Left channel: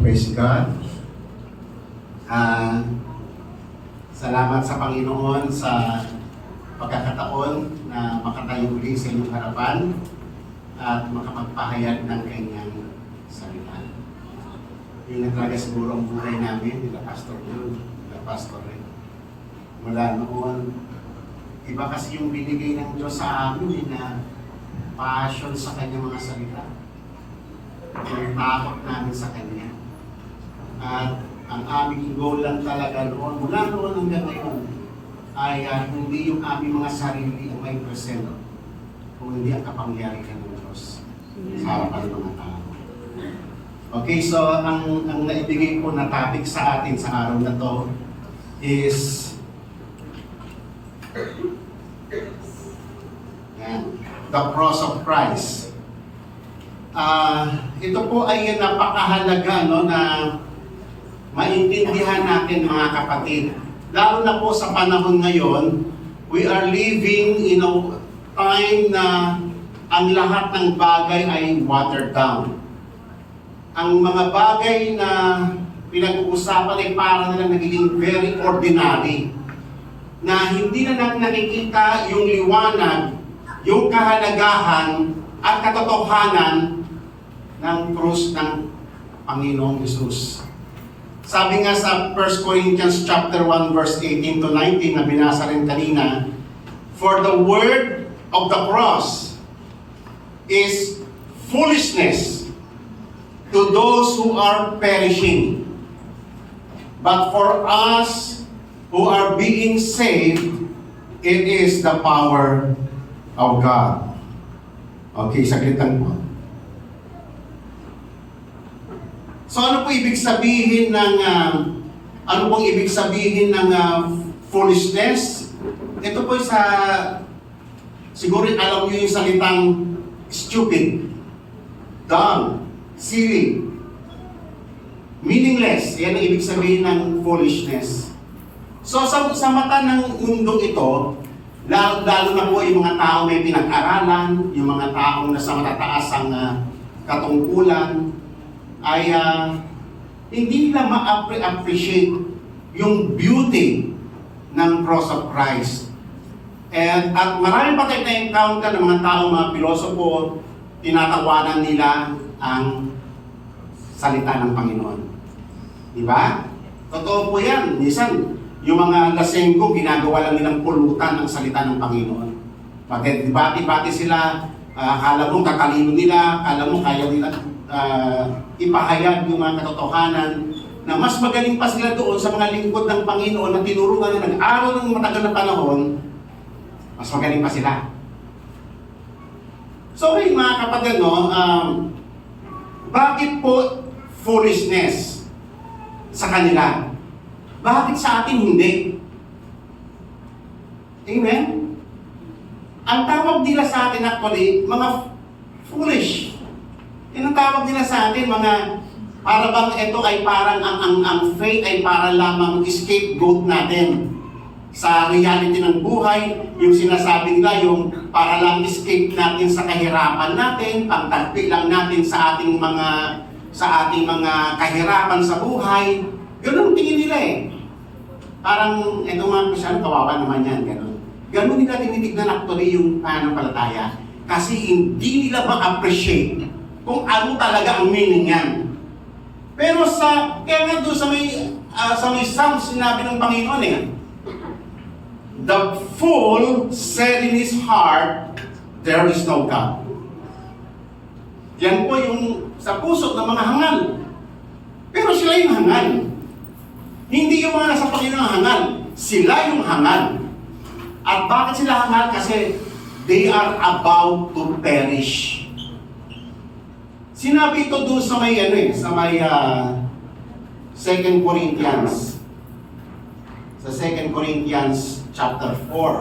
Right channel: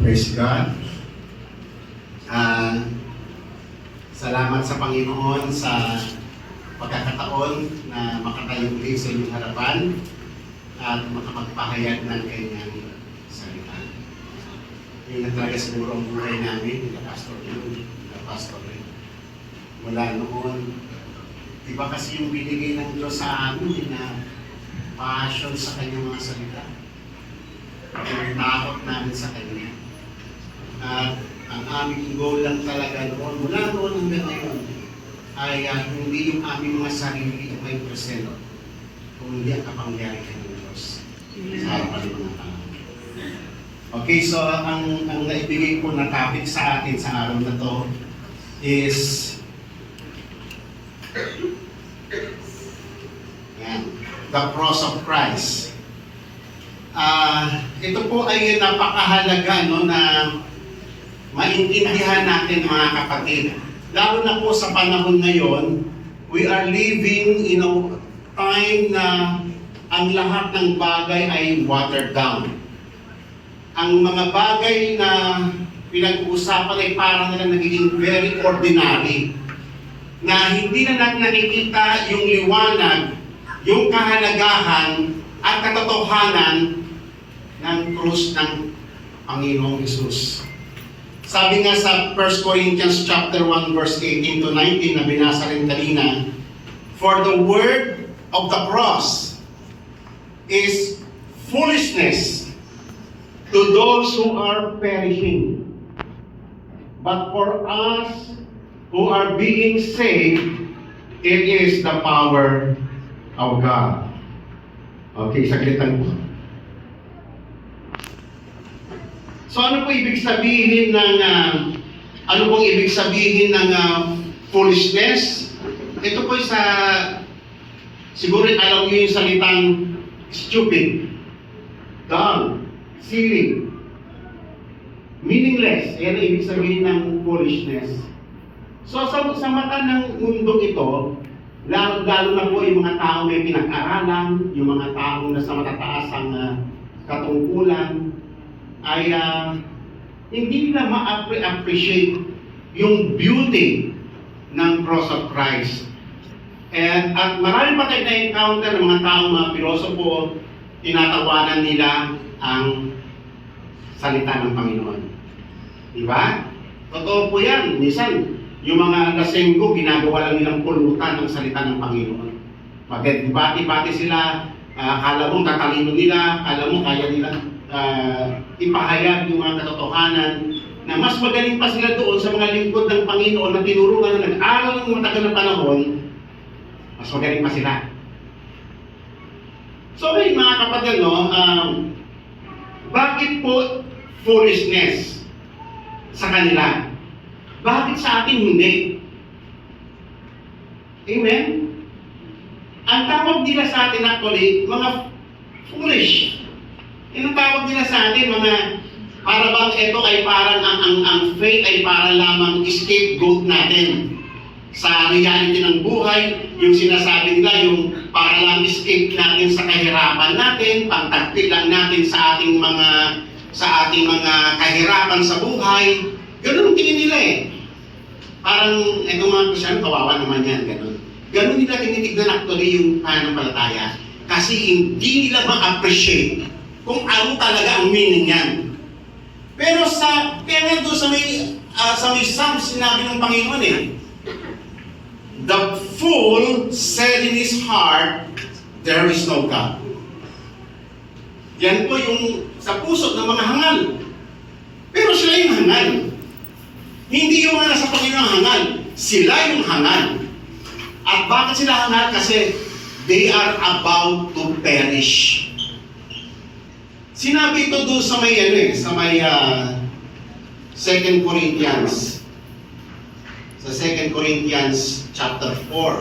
Praise God. Salamat sa Panginoon sa pagkakataon na makatayo ulit sa inyong harapan at makapagpahayag ng kanyang salita. Yun na talaga siguro ang buhay namin, nila Pastor Blue, nila Pastor Red. Mula noon, iba kasi yung binigay ng Diyos sa amin na passion sa kanyang mga salita. Yung takot namin sa kanya. At ang aming goal lang talaga noon, mula noon hanggang ngayon, ay hindi yung aming mga sarili ang may present, kung hindi ang kapangyarihan ng Diyos sa harapan ng mga tao. Okay, so ang naibigay ko na topic sa atin sa araw na to is the cross of Christ. Ito po ay napakahalaga, no, na maintindihan natin, mga kapatid. Lalo na po sa panahon ngayon, we are living in a time na ang lahat ng bagay ay watered down. Ang mga bagay na pinag-uusapan ay parang na nagiging very ordinary. Na hindi na natin nakikita yung liwanag, yung kahalagahan at katotohanan ng krus ng Panginoong Hesus. Sabi nga sa 1 Corinthians chapter 1 verse 18 to 19 na binasa rin kanina, for the word of the cross is foolishness to those who are perishing. But for us who are being saved, it is the power of God. Okay, saglitan po. So ano po ibig sabihin ng foolishness? Ito po sa siguro alam niyo yung salitang stupid, dumb, silly, meaningless. Yan ang ibig sabihin ng foolishness. So sa mata ng mundong ito, lalo na po yung mga tao may pinag-aralan, yung mga taong nasa matataas ang katungkulan, ay hindi nila ma-appreciate yung beauty ng cross of Christ. At marami pa tayo na-encounter ng mga taong mga pilosopo, tinatawanan nila ang salita ng Panginoon. Diba? Totoo po yan. Minsan, yung mga lasenggo, ginagawa lang nilang pulutan ang salita ng Panginoon. Mag-debate-debate sila, akala mo katalino nila, akala mo kaya nila ipahayag yung mga katotohanan na mas magaling pa sila doon sa mga lingkod ng Panginoon na tinuruan na nag-aral ng matagal na panahon, mas magaling pa sila. So okay, mga kapatid, no, bakit po foolishness sa kanila? Bakit sa atin hindi? Amen? Ang tawag nila sa atin actually, mga foolish. Yung tawag nila sa atin, mga para bang ito ay parang ang faith ay para lamang scapegoat natin sa reality ng buhay. Yung sinasabi nila, yung para lang escape natin sa kahirapan natin, pangtagpi lang natin sa ating mga kahirapan sa buhay. Ganun ang tingin nila eh. Parang itong mga Kristiyan, kawawa naman yan, ganun. Ganun nila tinitignan actually yung pananampalataya. Kasi hindi nila ma-appreciate kung ano talaga ang meaning yan. Pero kaya nga doon sa may Psalm sinabi ng Panginoon eh, the fool said in his heart, there is no God. Yan po yung sa puso ng mga hangal. Pero sila yung hangal. Hindi yung mga nasa Panginoon ang hangal. Sila yung hangal. At bakit sila hangal? Kasi they are about to perish. Sinabi ito doon sa may 2 Corinthians. Sa 2 Corinthians chapter 4.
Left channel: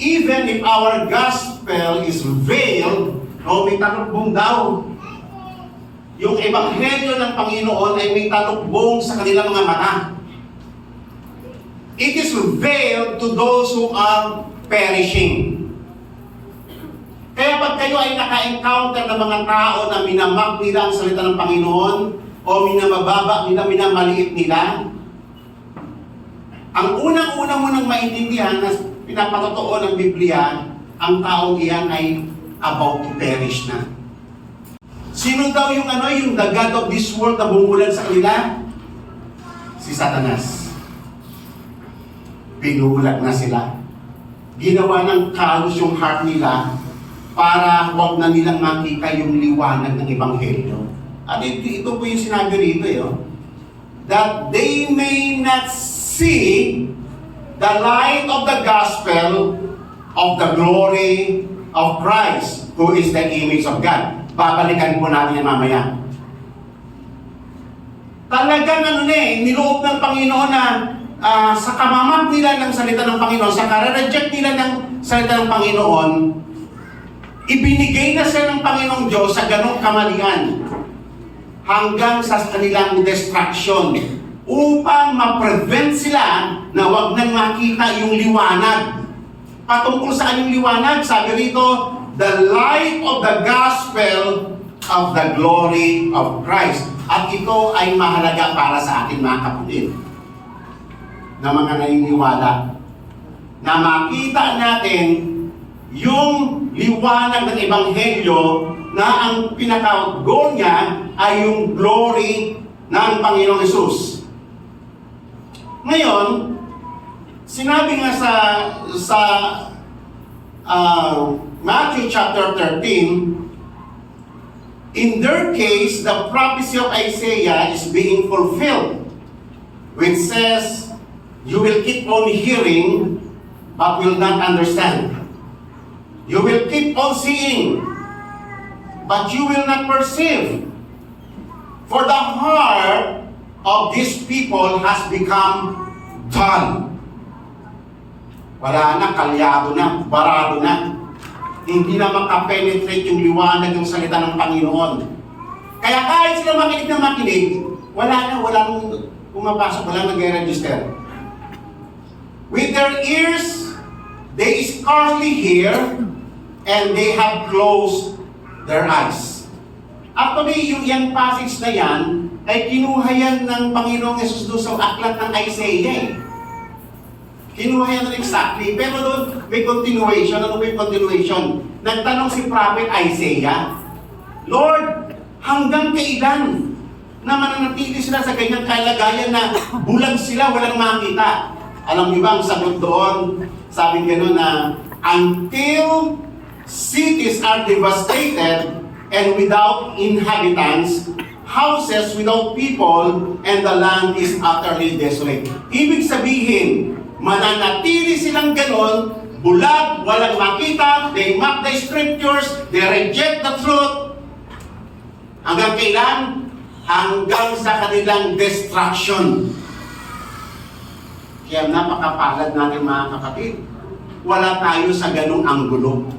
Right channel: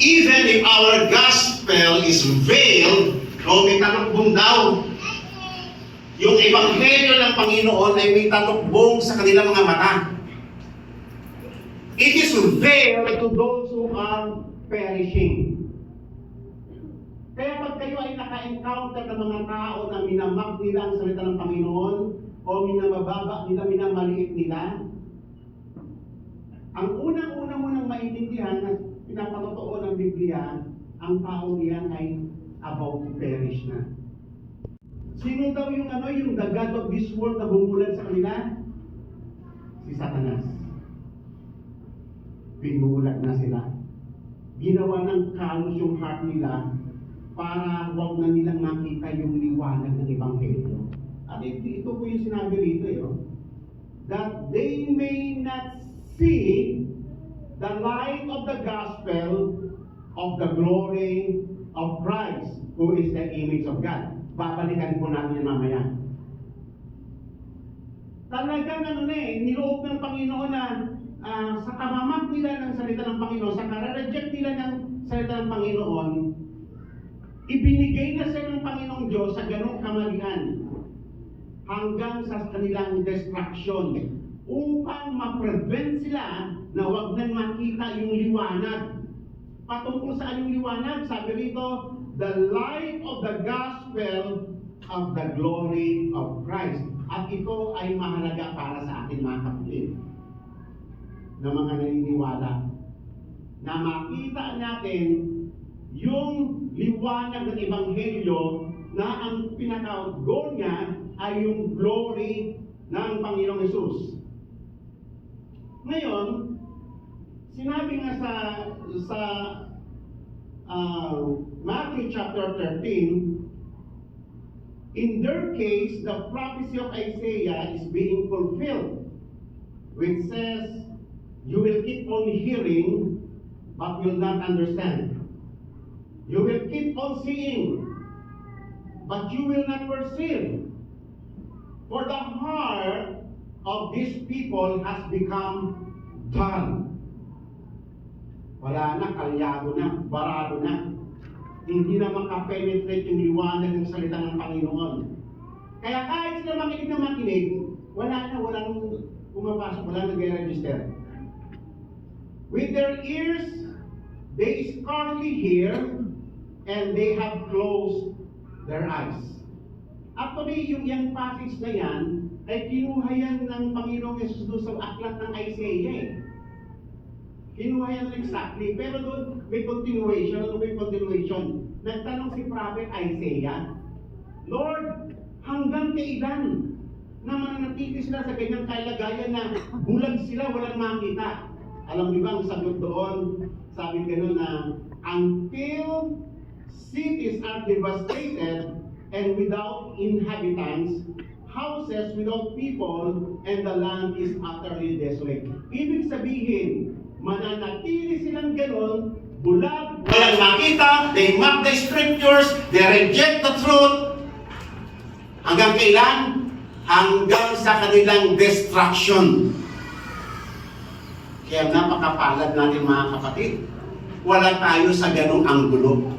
Even if our gospel is veiled, may talukbong daw. Yung ebanghelyo ng Panginoon ay may talukbong sa kanilang mga mata. It is veiled to those who are perishing. Kaya pag kayo ay naka-encounter ng mga tao na minamag nila ang salita ng Panginoon, o minamababa nila, minamaliit nila. Ang unang-una mo nang maintindihan na pinapatotoo ng Biblia, ang taong iyan ay about to perish na. Sino daw yung the God of this world na bumulan sa kanila? Si Satanas. Pinulag na sila. Ginawa ng kalos yung heart nila para huwag na nilang makita yung liwanag ng Ebanghelyo. At ito po yung sinabi rito, that they may not see the light of the gospel of the glory of Christ, who is the image of God. Babalikan po natin yan mamaya. Talagang niloob ng Panginoon na sa kamamat nila ng salita ng Panginoon, sa kare-reject nila ng salita ng Panginoon, ibinigay na sila ng Panginoong Diyos sa ganong kamalian hanggang sa kanilang destruction upang ma-prevent sila na wag nang makita yung liwanag. Patungkol sa yung liwanag, sabi rito, the light of the gospel of the glory of Christ. At ito ay mahalaga para sa atin mga kapatid, na mga naniniwala, na makita natin yung liwanag ng Ebanghelyo na ang pinaka-goal niya ay yung glory ng Panginoong Hesus. Ngayon, sinabi nga sa Matthew chapter 13, in their case, the prophecy of Isaiah is being fulfilled, which says, you will keep on hearing, but will not understand. You will keep on seeing, but you will not perceive. For the heart of these people has become dull. Wala na, kalyado na, barado na. Hindi na makapenetrate yung liwanag ng salita ng Panginoon. Kaya kahit sila makinig na makinig, walang pumapasok, walang nag-register. With their ears, they scarcely hear, and they have closed their eyes. Actually, yung passage na yan, ay kinuha yan ng Panginoong Yesus doon sa aklat ng Isaiah. Kinuha yan exactly. Pero doon may continuation. Ano may continuation? Nagtanong si Prophet Isaiah, Lord, hanggang kailan na mananatili sila sa ganyang kalagayan na bulag sila, walang makita? Alam niyo ba ang sagot doon? Sabi gano'n na, until cities are devastated and without inhabitants, houses without people, and the land is utterly desolate. Ibig sabihin, mananatili silang gano'n, bulag, walang makita, they mock the scriptures, they reject the truth. Hanggang kailan? Hanggang sa kanilang destruction. Kaya napakapalad natin mga kapatid. Wala tayo sa ganong anggulo.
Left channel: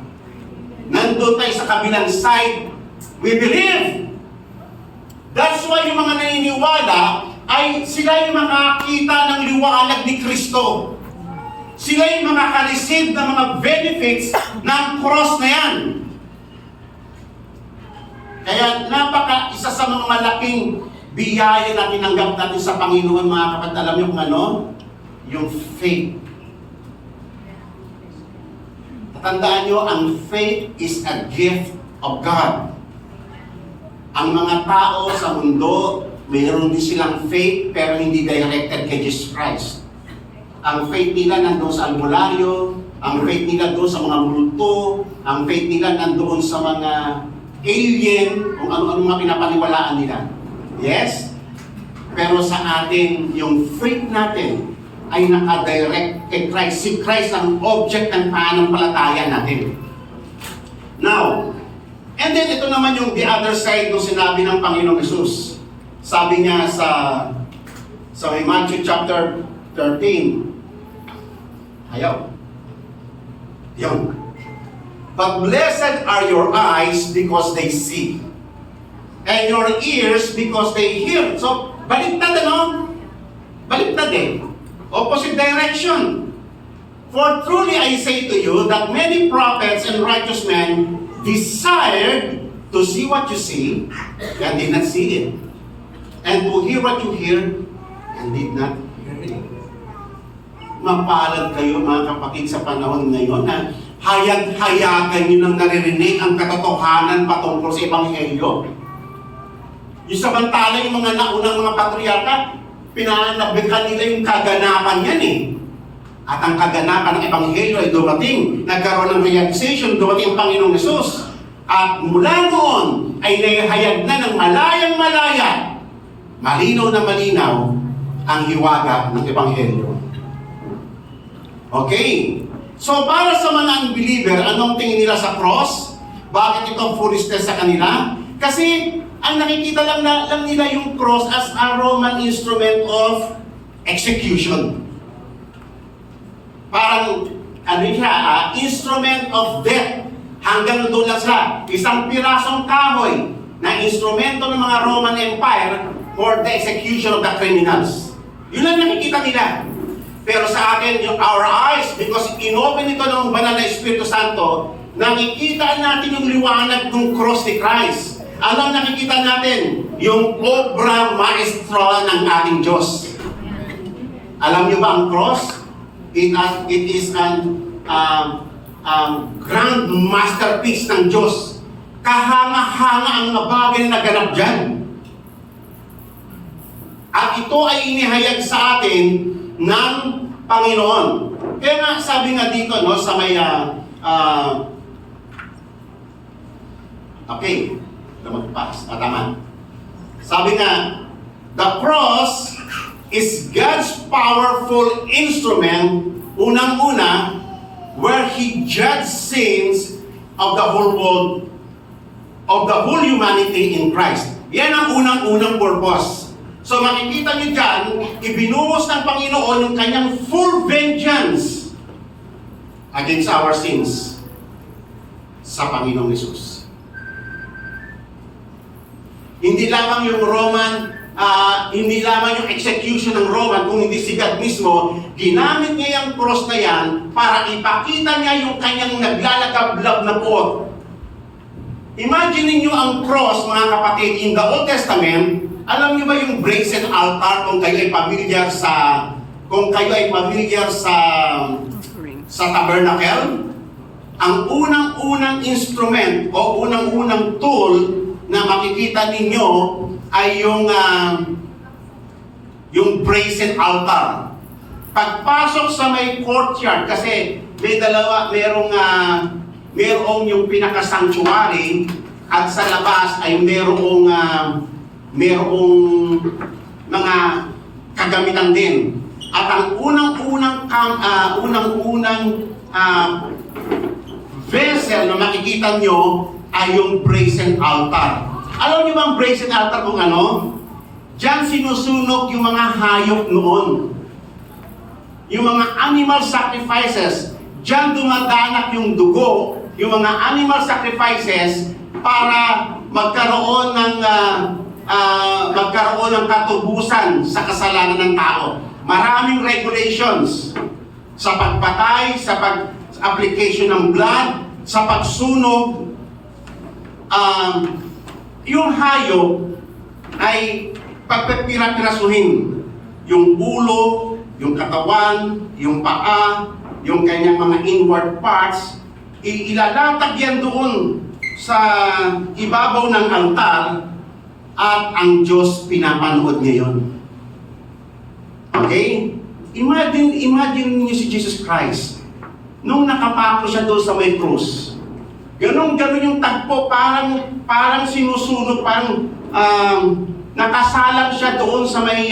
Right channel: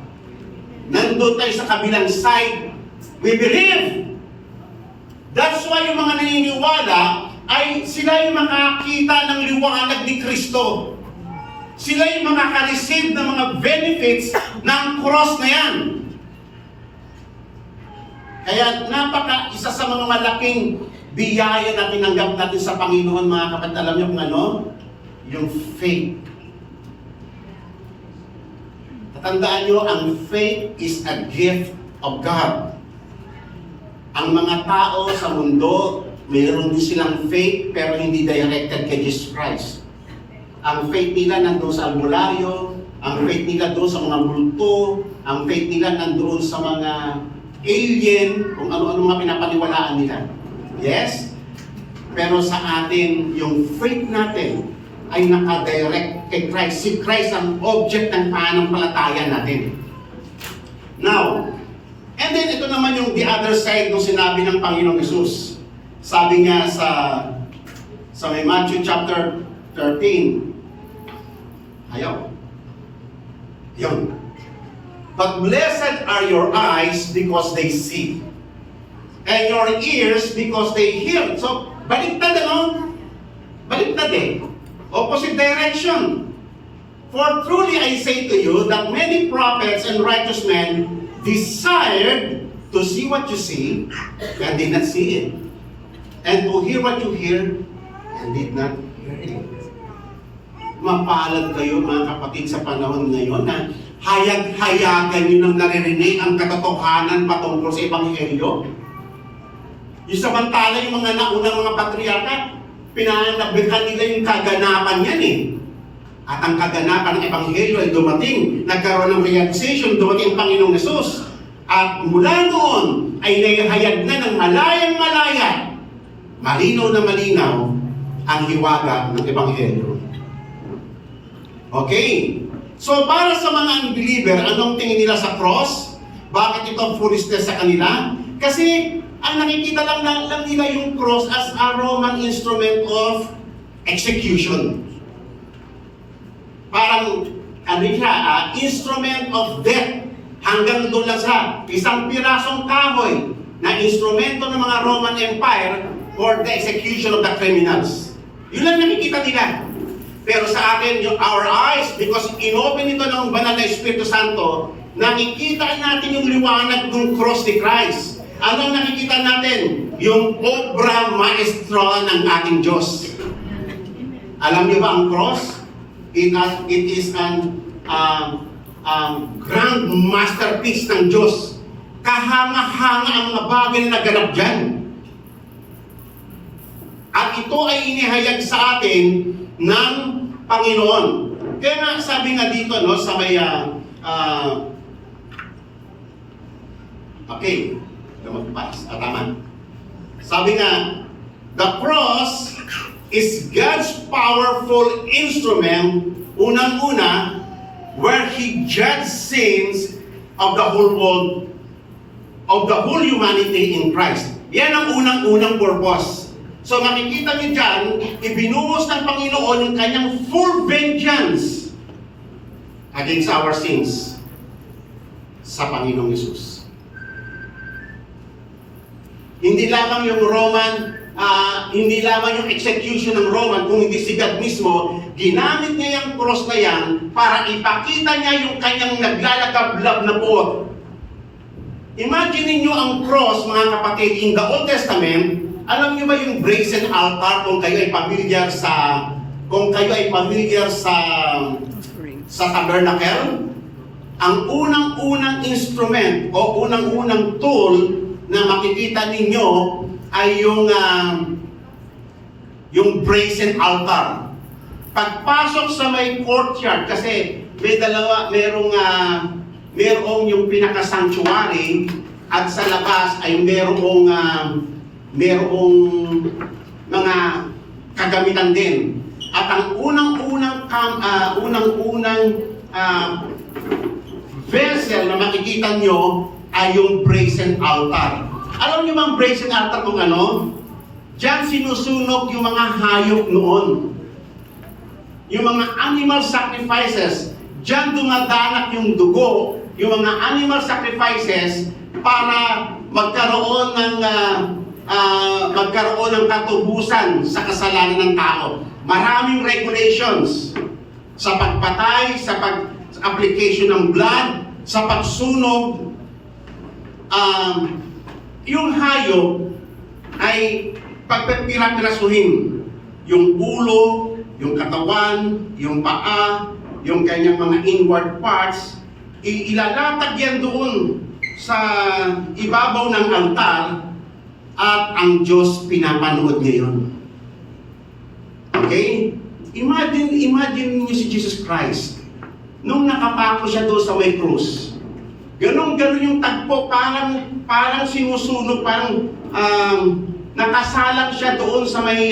Nandun tayo sa kabilang side. We believe. That's why yung mga naniniwala ay sila yung makakita ng liwanag ni Kristo. Sila yung makaka-receive ng mga benefits ng cross na yan. Kaya isa sa mga malaking biyaya na tinanggap natin sa Panginoon mga kapatid. Alam niyo kung ano? Yung faith. Tatandaan nyo, ang faith is a gift of God. Ang mga tao sa mundo, mayroon din silang faith pero hindi directed kay Jesus Christ. Ang faith nila nandoon sa albularyo, ang faith nila doon sa mga multo, ang faith nila nandoon sa mga alien, kung ano-ano mga pinapaniwalaan nila. Yes? Pero sa atin, yung faith natin ay nakadirect kay Christ. Si Christ ang object ng pananampalataya natin. Now, and then ito naman yung the other side ng sinabi ng Panginoong Hesus. Sabi niya sa may Matthew chapter 13. Ayaw. Yun. But blessed are your eyes because they see, and your ears because they hear. So, baliktad Baliktad eh. Opposite direction. For truly I say to you that many prophets and righteous men desired to see what you see and did not see it, and to hear what you hear and did not hear it. Mapalad kayo mga kapatid sa panahon ngayon na hayag-hayagan nyo nang naririnig ang katotohanan patungkol sa Ebanghelyo. Yung samantala yung mga naunang mga patriarka, pinanabikan nila yung kaganapan yan eh. At ang kaganapan ng Ebanghelyo ay dumating, nagkaroon ng realization, dumating ang Panginoong Hesus. At mula noon ay naihayag na ng malayang-malaya, malinaw na malinaw ang hiwaga ng Ebanghelyo. Okay. So para sa mga unbeliever, anong tingin nila sa cross? Bakit ito foolishness sa kanila? Kasi ang nakikita lang nila yung cross as a Roman instrument of execution. Parang instrument of death. Hanggang doon lang sa isang pirasong kahoy na instrumento ng mga Roman Empire for the execution of the criminals. Yun lang nakikita nila. Pero sa atin, our eyes, because inopen ito ng banal na Espiritu Santo, nakikita natin yung liwanag ng cross ni Christ. Ano ang nakikita natin? Yung obra maestra ng ating Diyos. Alam niyo ba ang cross? It is an grand masterpiece ng Diyos. Kahanga-hanga ang mga bagay na naganap dyan. At ito ay inihayag sa atin ng Panginoon. Kaya nga sabi nga dito no, sa may okay, lumagpas. Tama. Sabi nga, the cross is God's powerful instrument, unang-una, where He judged sins of the whole world, of the whole humanity in Christ. Yan ang unang-unang purpose. So makikita niyo dyan, ibinuhos ng Panginoon yung kanyang full vengeance against our sins sa Panginoong Hesus. Hindi lamang yung hindi lamang yung execution ng Roman, kung hindi si God mismo, ginamit niya yung cross na yan para ipakita niya yung kanyang naglalagablab na puot. Imagine niyo ang cross, mga kapatid, in the Old Testament. Alam niyo ba yung brazen altar kung kayo ay familiar sa tabernacle? Ang unang-unang instrument o unang-unang tool na makikita ninyo ay yung brazen altar. Pagpasok sa may courtyard, kasi may dalawa, merong yung pinaka-sanctuary at sa labas ay merong mga kagamitan din. At ang unang-unang vessel na makikita nyo ay yung brazen altar. Alam niyo ba ang brazen altar kung ano? Diyan sinusunog yung mga hayop noon. Yung mga animal sacrifices. Diyan dumadanak yung dugo, yung mga animal sacrifices para magkaroon ng katubusan sa kasalanan ng tao. Maraming regulations sa pagpatay, sa pag-application ng blood, sa pagsunog. Yung hayop ay pagpipira-pirasuhin. Yung ulo, yung katawan, yung paa, yung kanyang mga inward parts, ilalatag yan doon sa ibabaw ng altar at ang Diyos pinapanood niya yun. Okay? Imagine niyo si Jesus Christ. Nung nakapako siya doon sa may krus, ganon yung tagpo, parang sinusunog, parang nakasalang siya doon sa may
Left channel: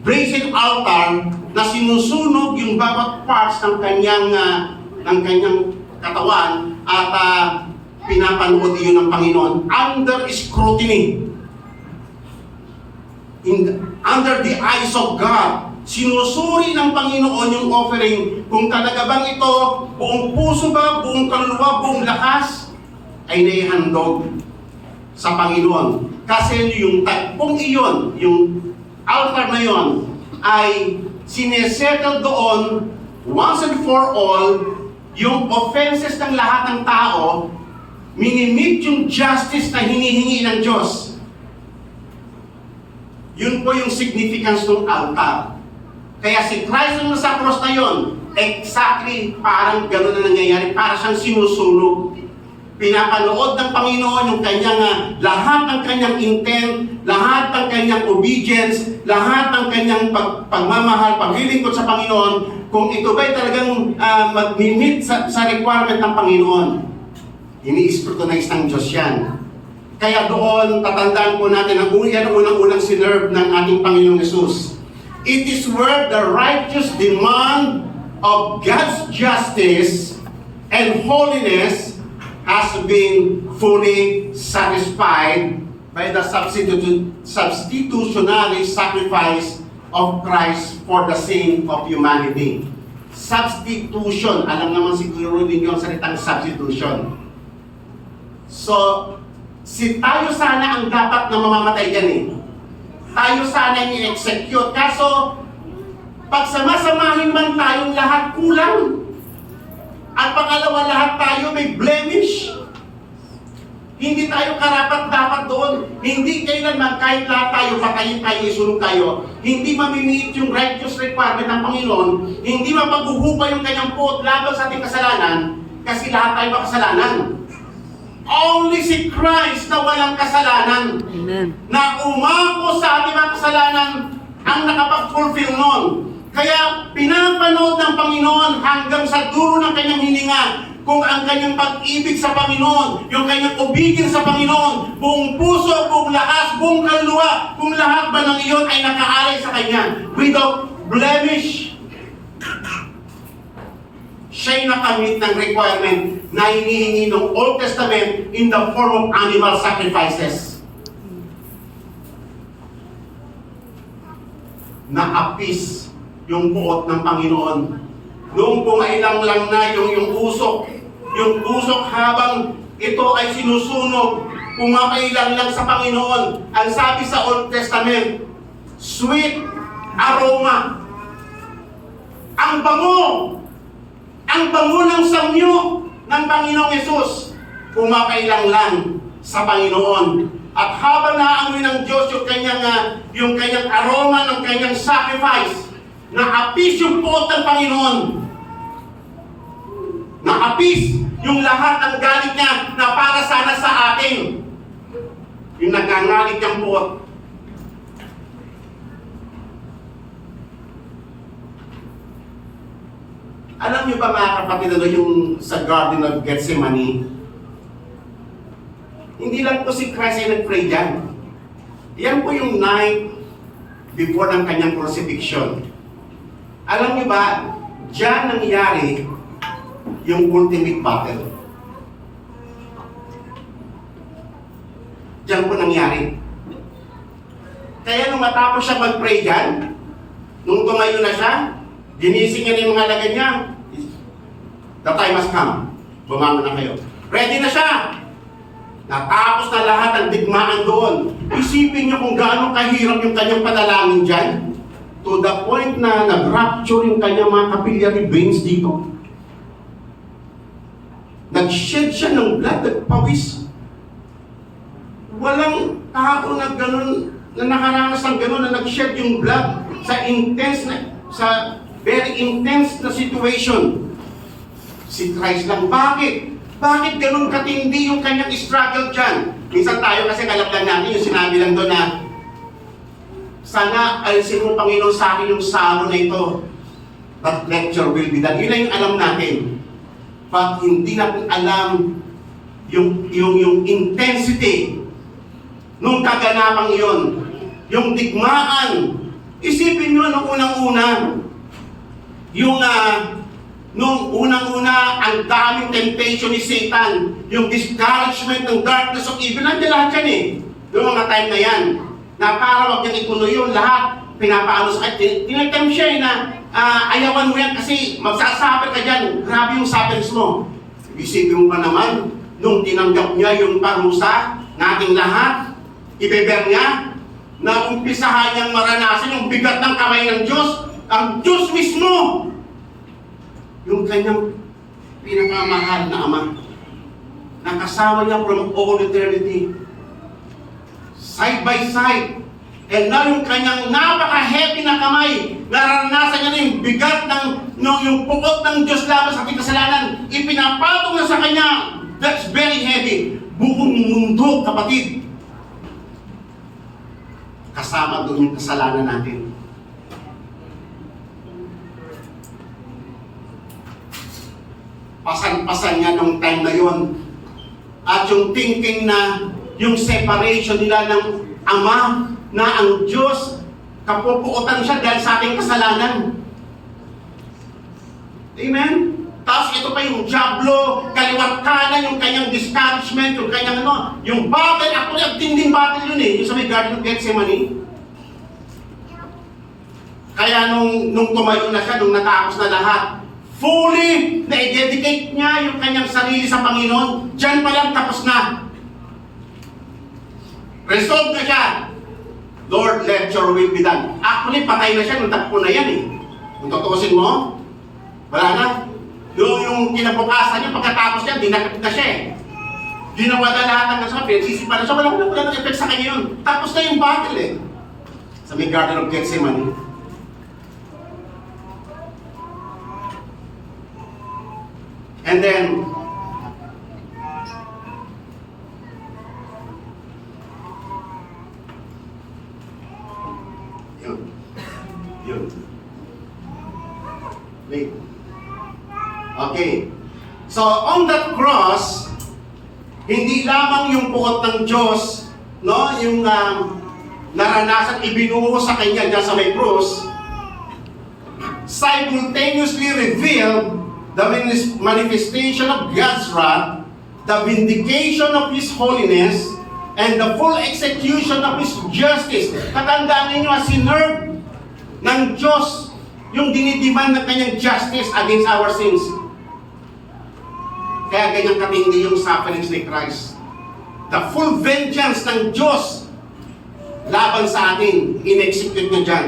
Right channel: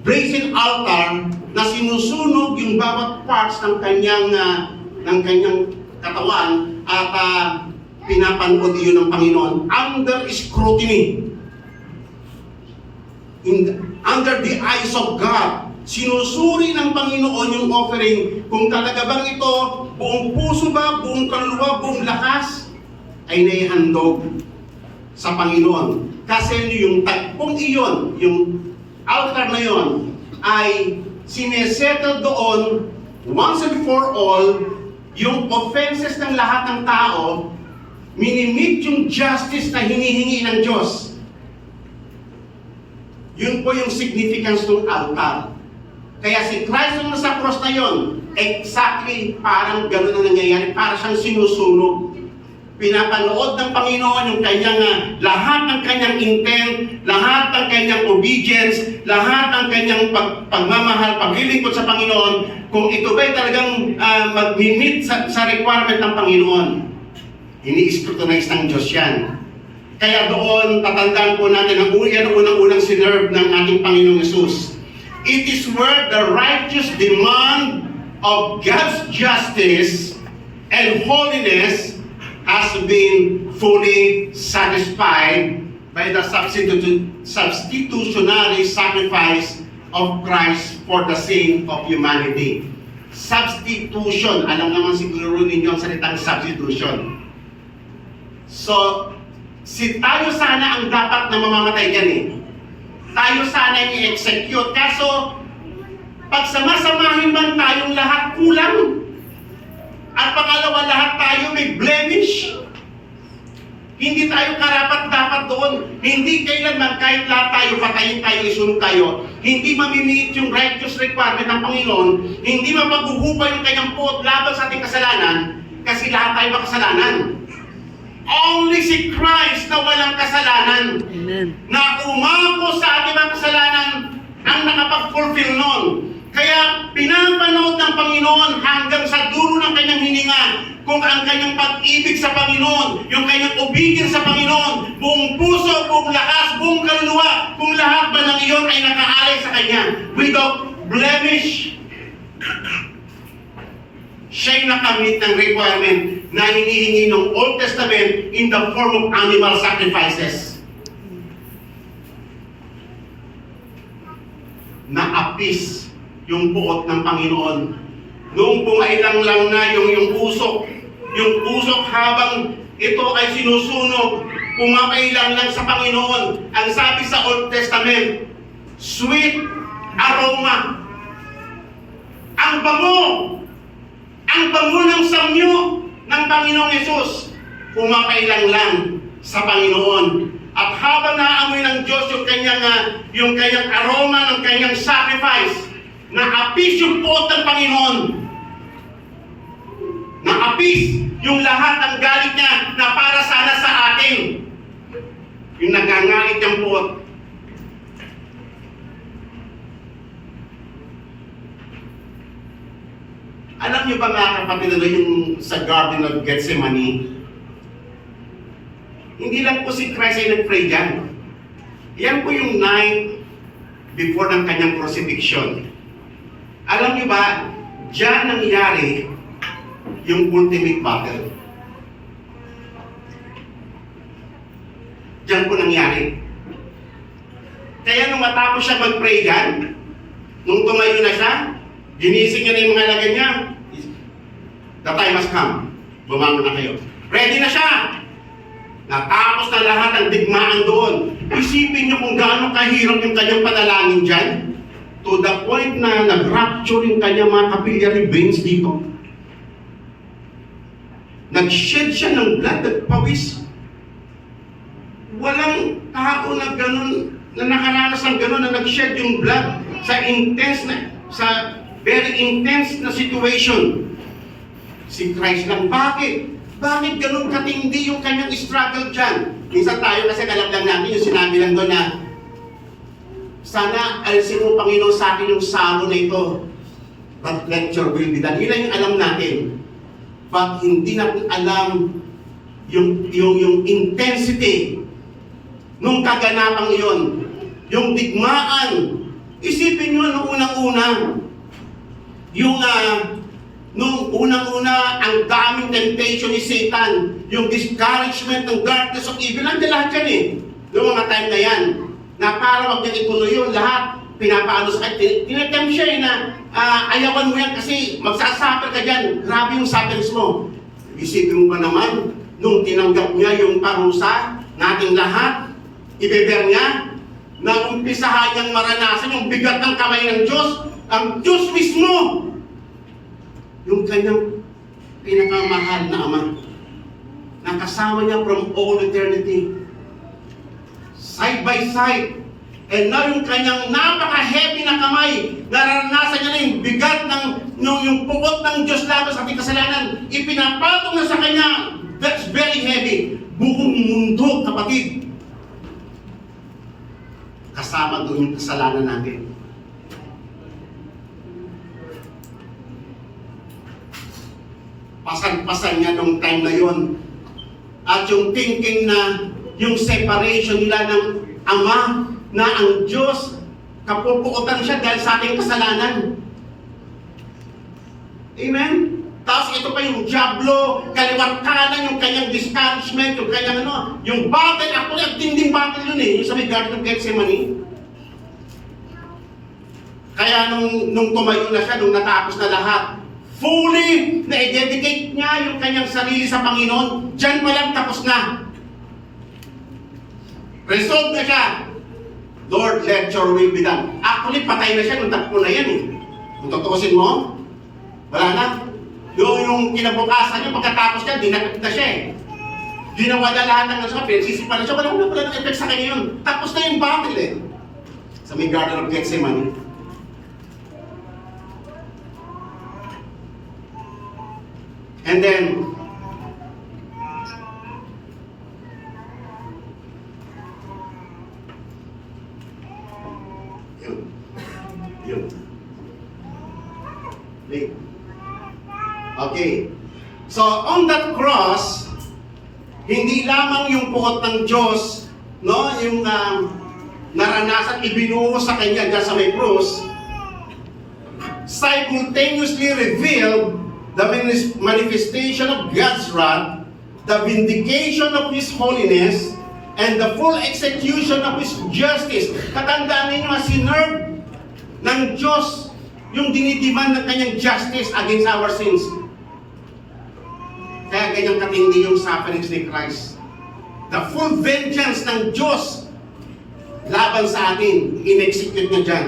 brazen altar na sinusunog yung bawat parts ng kanyang katawan at pinapanood iyon ng Panginoon under scrutiny. Under the eyes of God, sinusuri ng Panginoon yung offering kung talaga bang ito buong puso ba, buong kaluluwa, buong lakas ay naihandog sa Panginoon. Kasi yung tagpong iyon, yung altar na iyon ay sinesettle doon once and for all yung offenses ng lahat ng tao, minimit yung justice na hinihingi ng Diyos. Yun po yung significance ng altar. Kaya si Christ nung nasa cross na yun, exactly parang gano'n na nangyayari, para siyang sinusunog. Pinapanood ng Panginoon yung kanyang lahat ng kanyang intent, lahat ng kanyang obedience, lahat ng kanyang pagmamahal, paglilingkod sa Panginoon, kung ito ba'y talagang mag-meet sa requirement ng Panginoon. Ini-scrutinize ng Diyos yan. Kaya doon, tatandaan po natin ang unang-unang sinerve ng ating Panginoong Yesus. It is where the righteous demand of God's justice and holiness has been fully satisfied by the substitutionary sacrifice of Christ for the sin of humanity. Substitution. Alam naman siguro ninyo ang salitang substitution. So, tayo sana ang dapat na mamamatay dyan eh. Tayo sana yung i-execute. Kaso, pag samasamahin man tayong lahat, kulang. At pangalawa, lahat tayo may blemish. Hindi tayo karapat-dapat doon. Hindi kailanman, kahit lahat tayo, patayin tayo, isunog tayo, hindi mamimiit yung righteous requirement ng Panginoon, hindi mapaghuhubay yung kanyang puot laban sa ating kasalanan, kasi lahat tayo makasalanan. Only si Christ na walang kasalanan, Amen, na umako sa ating mga kasalanan ang nakapag-fulfill nun. Kaya pinapanood ng Panginoon hanggang sa dulo ng kanyang hininga kung ang kanyang pag-ibig sa Panginoon, yung kanyang obedience sa Panginoon, buong puso, buong lakas, buong kaluluwa, kung lahat ba ng iyon ay nakaalay sa Kanya, without blemish. Siya'y nakamit ng requirement na hinihingi ng Old Testament in the form of animal sacrifices. Na-appease yung puot ng Panginoon. Noong pumailang lang na yung usok habang ito ay sinusunog, pumapailang lang sa Panginoon. Ang sabi sa Old Testament, sweet aroma. Ang bango ng samyo ng Panginoong Yesus, pumapailang lang sa Panginoon. At habang naamoy ng Diyos yung kanyang aroma ng kanyang sacrifice, na-appease yung puot ng Panginoon. Na-appease yung lahat ng galit niya na para sana sa atin. Yung nagngangalit ng puot. Alam niyo ba mga kapatid, yung sa Garden of Gethsemane, hindi lang po si Christ ay nag-pray dyan. Yan po yung night before ng kanyang crucifixion. Alam niyo ba, dyan nangyari yung ultimate battle. Diyan po nangyari. Kaya nung matapos siya mag-pray dyan, nung tumayo na siya, ginising niya na yung mga lagay niya. The time has come. Bumangon na kayo. Ready na siya. Natapos na lahat ng digmaan doon. Isipin niyo kung gaano kahirap yung kanyang panalangin dyan. To the point na nag-rupture yung kanyang mga capillary veins dito. Nag-shed siya ng blood, nagpawis. Walang tao na ganun, na nakaranas ng ganun, na nag-shed yung blood sa very intense na situation. Si Christ lang. Bakit? Bakit ganun katindi yung kanyang struggle dyan? Minsan tayo kasi kalap lang natin yung sinabi lang doon na sana alisin mo, Panginoon, sa akin yung salo na ito. But let your will be done. Yun lang yung alam natin. But hindi natin alam yung intensity nung kaganapang iyon. Yung digmaan. Isipin nyo nung unang-una. Nung unang-una, ang daming temptation ni Satan. Yung discouragement ng darkness of evil. Nandiyan lahat yan eh. Noong mga time na yan. Na para wag niyang ituloy yun, lahat pinapaano sa kanya. Tinetempt siya na ayawan mo yan kasi magsasuffer ka dyan. Grabe yung suffers mo. Isipin mo pa naman, nung tinanggap niya yung parusa nating lahat, ibeber niya, na umpisahan niyang maranasan yung bigat ng kamay ng Diyos, ang Diyos mismo, yung kanyang pinakamahal na Ama, nakasama niya from all eternity. Side by side, And now yung kanyang napaka-heavy na kamay, naranasan niya na yung bigat ng yung pukot ng Diyos laban sa ating kasalanan, ipinapatong na sa kanya. That's very heavy. Buong mundo, kapatid. Kasama doon yung kasalanan natin. Pasan-pasan niya nung time na yon. At yung thinking na yung separation nila ng Ama, na ang Diyos, kapupuotan siya dahil sa ating kasalanan. Amen? Tapos ito pa yung Diablo, kaliwat kanan, yung kanyang discouragement, yung kanyang yung battle, actually ang tinding battle yun yung sa may Garden of Gethsemane. Kaya nung tumayo na siya, nung natapos na lahat, fully na-dedicate niya yung kanyang sarili sa Panginoon, dyan pa lang tapos na. Resolve na siya. Lord, let your will be done. Actually, patay na siya nung takpo na yan eh. Kung tutusin mo, wala na. Yung kinabukasan niya, pagkatapos niya, dinakit na siya eh. Ginawa na lahat ng nasa pinagsisipan na siya, wala ng effect sa kanya yun. Tapos na yung battle eh. Sa may Garden of Gethsemane. And then, yun. Wait. Okay. So, on that cross, hindi lamang yung puot ng Diyos, yung naranasan, ibinuho sa kanya dyan sa may cross, simultaneously revealed the manifestation of God's wrath, the vindication of His holiness, and the full execution of His justice. Katandaan ninyo, sinerve ng Diyos yung dinidemand ng kanyang justice against our sins. Kaya ganyang katindi yung sufferings ni Christ. The full vengeance ng Diyos laban sa atin, in-execute niya dyan.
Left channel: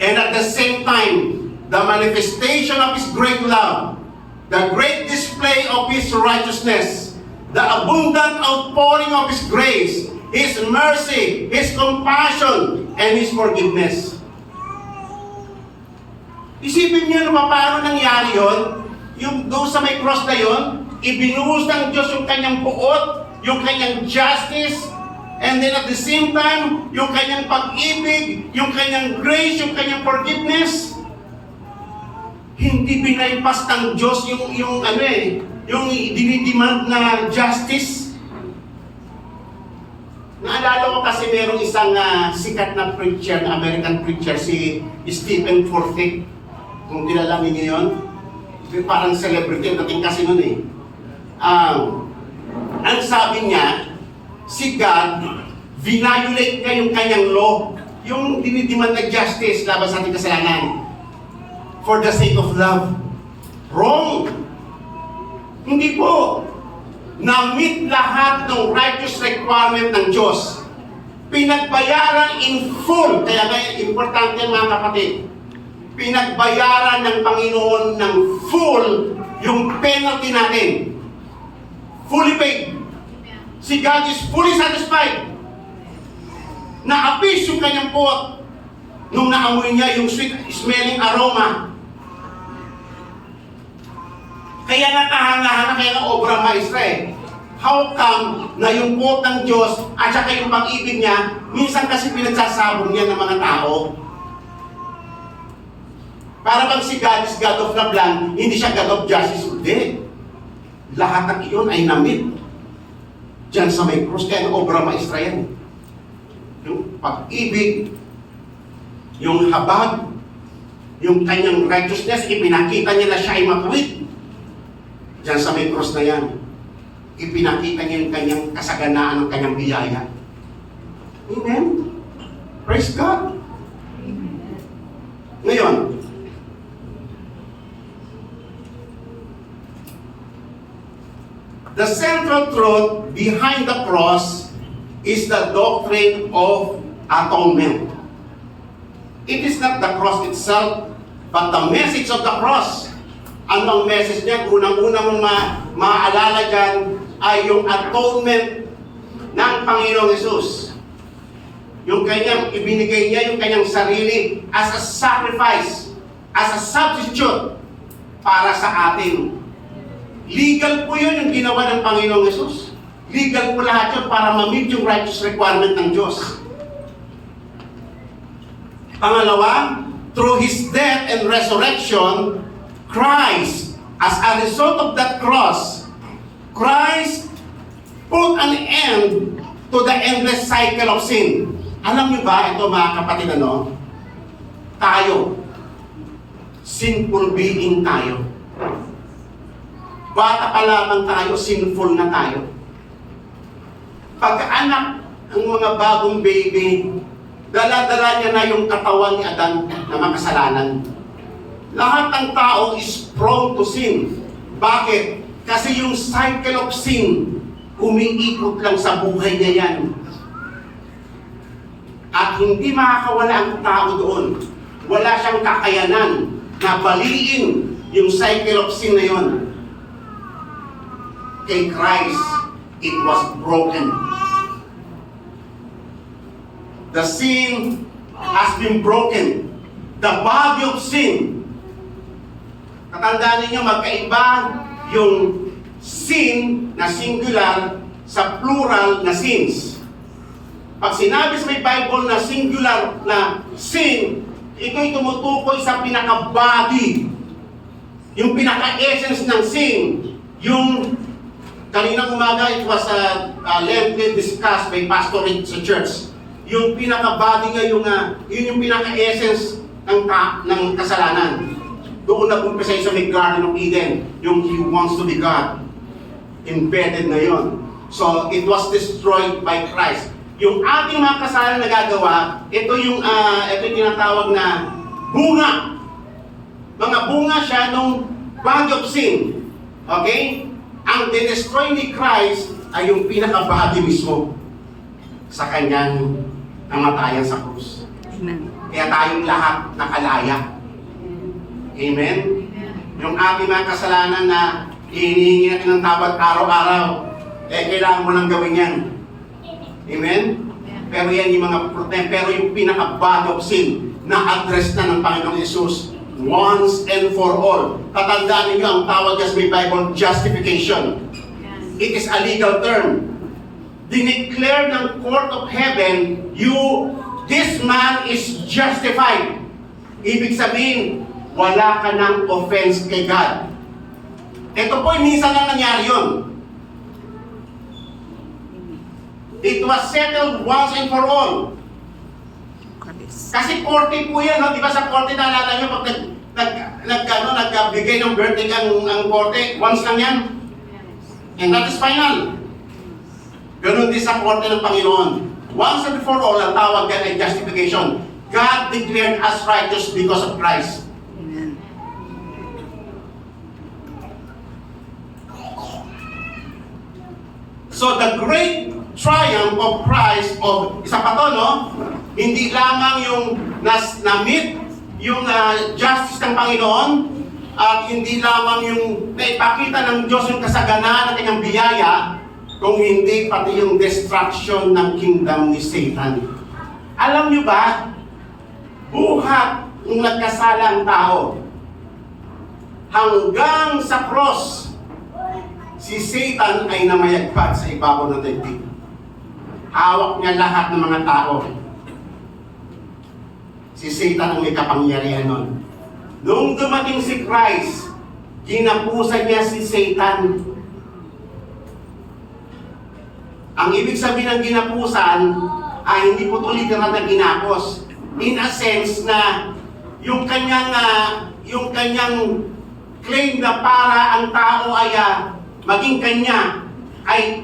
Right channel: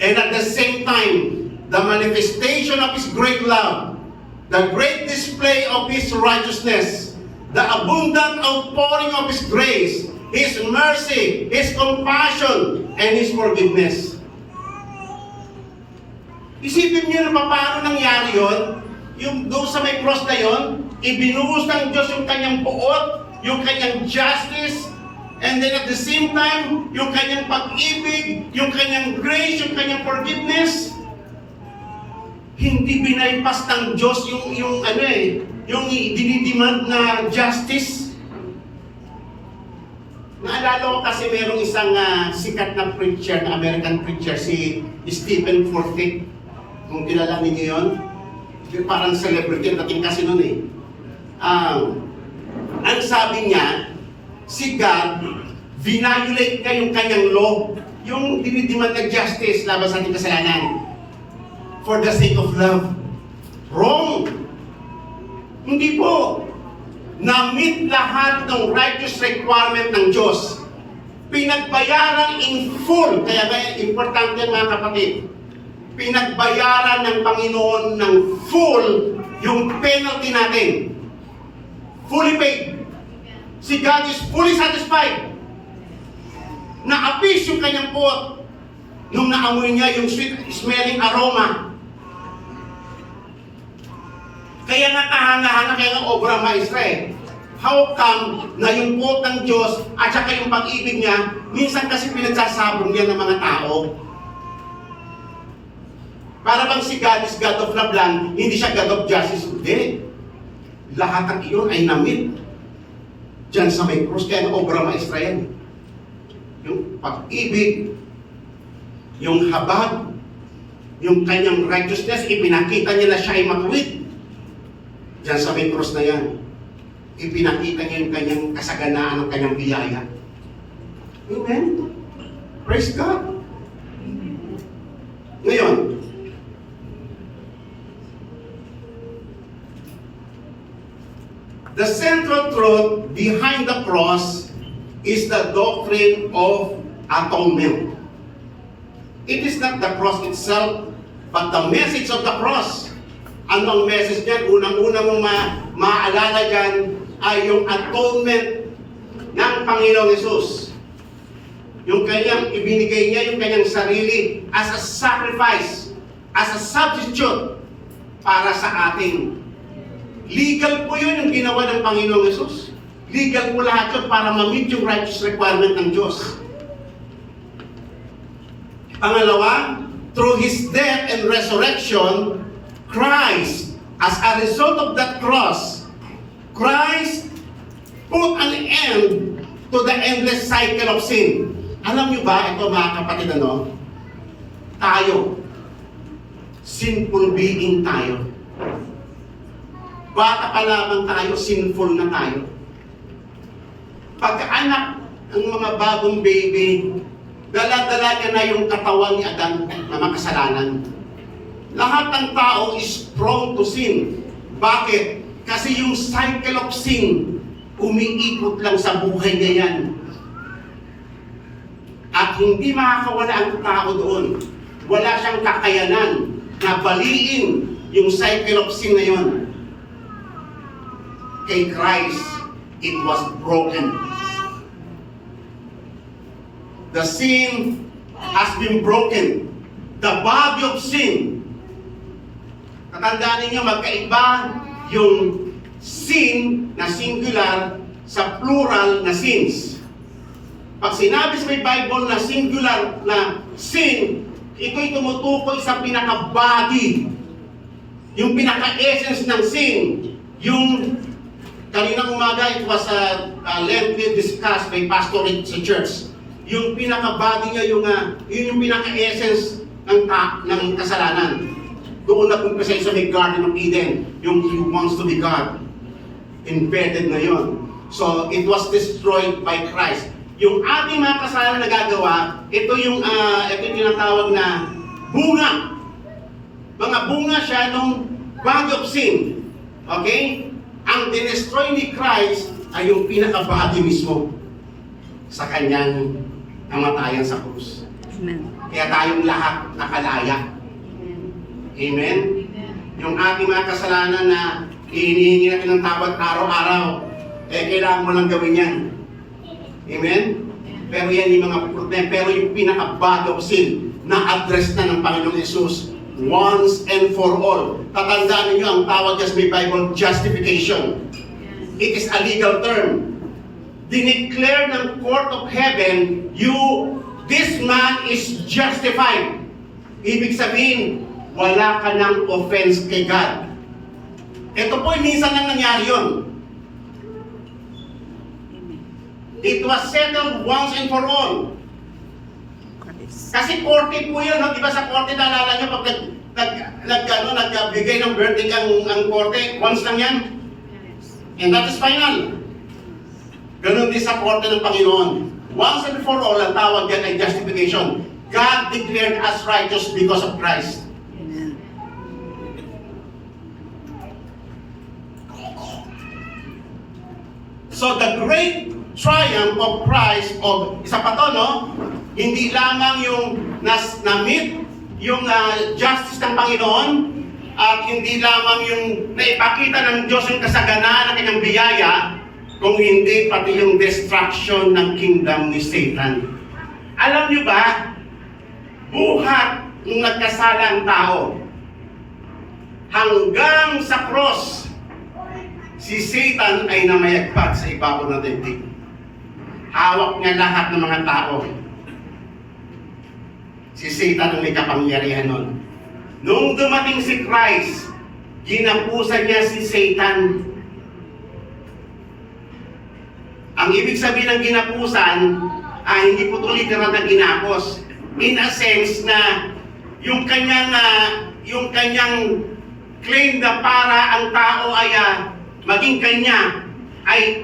And at the same time, the manifestation of His great love, the great display of His righteousness, the abundant outpouring of His grace, His mercy, His compassion, and His forgiveness. Isipin niyo na paano nangyari yun, yung doon sa may cross na yun, ibinuhos ng Diyos yung kanyang buot, yung kanyang justice, and then at the same time, yung kanyang pag-ibig, yung kanyang grace, yung kanyang forgiveness. Hindi binaypas ng Diyos yung dinidemand na justice. Naalala ko kasi merong isang sikat na preacher, na American preacher, si Stephen Furtick. Kung kilala ninyo yun, parang celebrity ang dating kasi nun eh. Ang sabi niya, si God, violate niya yung kanyang law, yung dinidemand na justice laban sa ating kasalanan, for the sake of love. Wrong! Hindi po. Na-meet lahat ng righteous requirement ng Diyos. Pinagbayaran in full. Kaya importante mga kapatid, pinagbayaran ng Panginoon ng full yung penalty natin. Fully paid. Si God is fully satisfied. Na-appease yung kanyang puot nung naamoy niya yung sweet smelling aroma. Kaya nga kahanga-hanga, kaya nga obra maestra eh. How come na yung puot ng Diyos at saka yung pag-ibig niya, minsan kasi pinagsasabong niya ng mga tao. Para bang si God is God of love lang, hindi siya God of justice. Hindi. Lahat ng iyon ay na-meet diyan sa may cross, kaya obra maestra yan. Yung pag-ibig, yung habag, yung kanyang righteousness, ipinakita niya na siya ay matuwid. Diyan sa may cross na yan, ipinakita niya yung kanyang kasaganaan ng kanyang biyaya. Amen? Praise God! Ngayon, the central truth behind the cross is the doctrine of atonement. It is not the cross itself, but the message of the cross. Ano ang message niyan? Unang-unang maalala dyan ay yung atonement ng Panginoong Hesus. yung kanyang ibinigay niya, yung kanyang sarili as a sacrifice, as a substitute para sa atin. Legal po yun yung ginawa ng Panginoong Yesus. Legal po lahat yun para ma-meet yung righteous requirement ng Diyos. Pangalawa, through His death and resurrection, Christ, as a result of that cross, Christ put an end to the endless cycle of sin. Alam niyo ba, ito mga kapatid, tayo, sinful being tayo. Bata pa lamang tayo, sinful na tayo. Pagkaanak ng mga bagong baby, dala-dala niya na yung katawan ni Adan na makasalanan. Lahat ng tao is prone to sin. Bakit? Kasi yung cycle of sin, umiikot lang sa buhay niya yan. At hindi makakawala ang tao doon. Wala siyang kakayanan na baliin yung cycle of sin na yun. Kay Christ, it was broken. The sin has been broken. The body of sin. Tatandaan ninyo, magkaiba yung sin na singular sa plural na sins. Pag sinabi sa may Bible na singular na sin, ito'y tumutukoy sa pinaka-body. Yung pinaka-essence ng sin. Yung kaninang umaga, it was lengthy discussed by pastor sa church. Yung pinaka-body niya, yun yung pinaka-essence ng kasalanan. Doon nag-umpisa sa may Garden of Eden, yung He wants to be God. Embedded na yun. So, it was destroyed by Christ. Yung ating mga kasalanan na gagawa, ito yung tinatawag na bunga. Mga bunga siya nung body of sin. Okay? Ang dinestroy ni Christ ay yung pinaka-body mismo sa kanyang namatayan sa krus. Amen. Kaya tayong lahat nakalaya. Amen? Yung ating mga kasalanan na hinihingi natin ng tawad araw-araw, kailangan mo lang gawin yan. Amen? Pero yan yung mga problem. Pero yung pinaka-body of sin na address na ng Panginoon Yesus once and for all. Tatandaan ninyo ang tawag sa may Bible, justification. It is a legal term. Dineclare ng court of heaven, this man is justified. Ibig sabihin, wala ka ng offense kay God. Ito po, minsan lang nangyari yun. It was settled once and for all. Kasi korte po yan, no? Di ba sa korte naalala nyo pag nagbigay ng verdict ang korte, once lang yan. And that is final. Ganun din sa korte ng Panginoon. Once and for all, ang tawag yan ay justification. God declared us righteous because of Christ. Amen. So the great triumph of Christ, isa pa to, no? Hindi lamang yung na-meet yung justice ng Panginoon, at hindi lamang yung naipakita ng Diyos yung kasaganaan ng kanyang biyaya, kung hindi pati yung destruction ng kingdom ni Satan. Alam niyo ba, buhat ng nagkasala ang tao, hanggang sa cross, si Satan ay namayagpag sa ibabaw ng daigdig. Hawak niya lahat ng mga tao. Si Satan ang may kapangyarihan nun. Nung dumating si Christ, ginapusan niya si Satan. Ang ibig sabihin ng ginapusan ay hindi po ito literal na ginapos. In a sense na yung kanyang claim na para ang tao ay maging kanya ay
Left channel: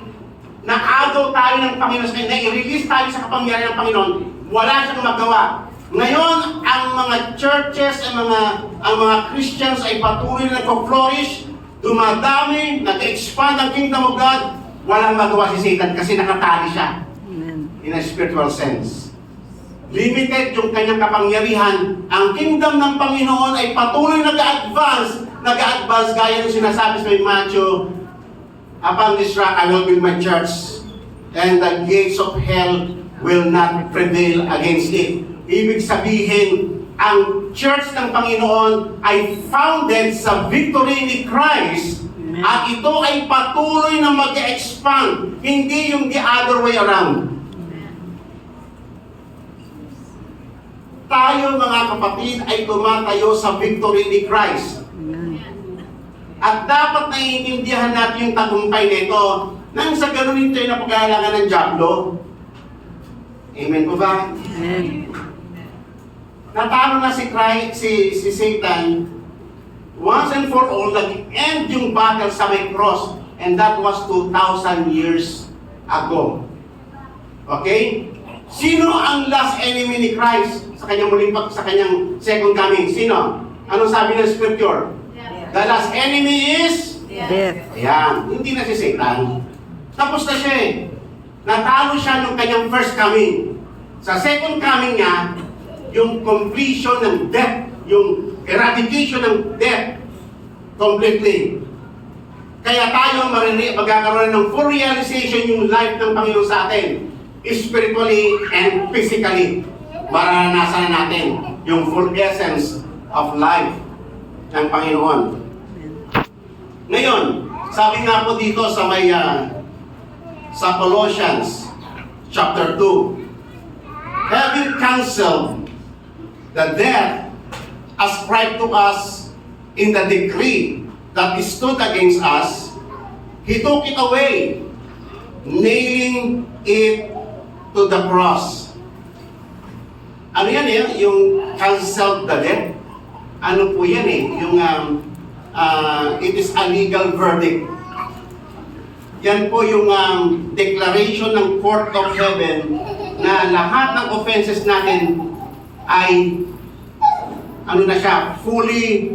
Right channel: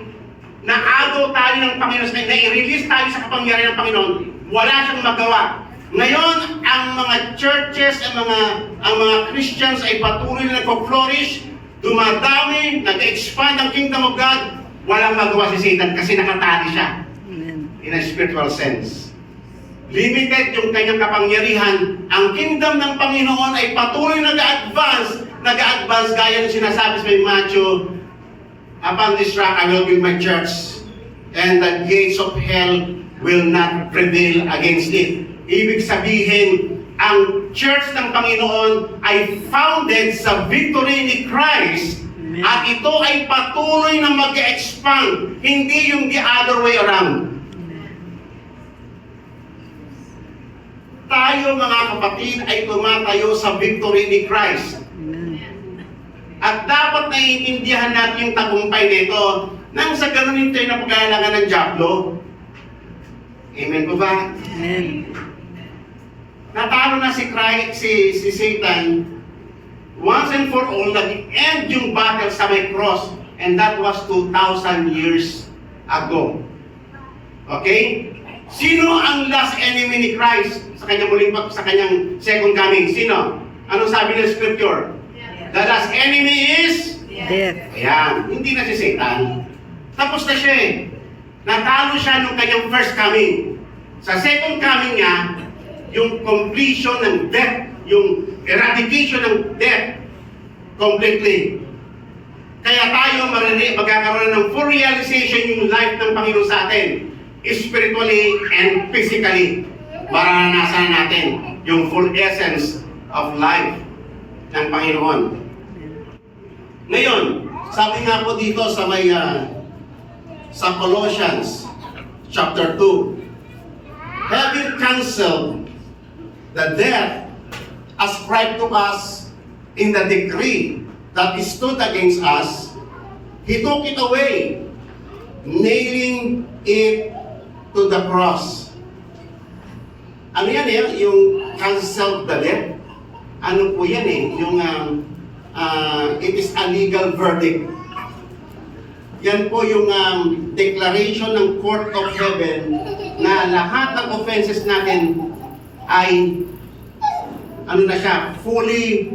naagaw tayo ng Panginoon, na-release tayo sa kapangyarihan ng Panginoon, wala siyang magawa. Ngayon, ang mga churches, ang mga Christians ay patuloy na nagpo-flourish, dumadami, nag-expand ang kingdom of God, walang magawa si Satan kasi nakatali siya. Amen. In a spiritual sense. Limited yung kanyang kapangyarihan. Ang kingdom ng Panginoon ay patuloy nag-advance gaya ng sinasabi sa Matthew, upon this rock I will build my church, and the gates of hell will not prevail against it. Ibig sabihin, ang church ng Panginoon ay founded sa victory ni Christ. Amen. At ito ay patuloy na mag-expand, hindi yung the other way around. Tayo mga kapatid ay tumatayo sa victory ni Christ. Amen. At dapat naiintindihan natin yung tagumpay nito nang sa ganun hindi tayo na pagkailangan ng Diablo. Amen po ba? Amen. Natalo na si Christ, si Satan once and for all, nag-end yung battle sa may cross, and that was 2,000 years ago. Okay? Sino ang last enemy ni Christ sa kanyang sa kanyang second coming? Sino? Anong sabi ng scripture? The last enemy is Death. ayan, hindi na si Satan. Tapos na siya eh. Natalo siya nung kanyang first coming. Sa second coming niya, yung completion ng death, yung eradication ng death completely. Kaya tayo magkakaroon ng full realization yung life ng Panginoon sa atin, spiritually and physically. Maranasan natin yung full essence of life ng Panginoon. Ngayon, sabi nga po dito sa may sa Colossians chapter 2, having canceled the death ascribed to us in the decree that stood against us, He took it away, nailing it to the cross. Ano yan eh? Yung canceled the death? Ano po yan eh? Yung it is a legal verdict. Yan po yung declaration ng Court of Heaven na lahat ng offenses natin ay ano na siya, fully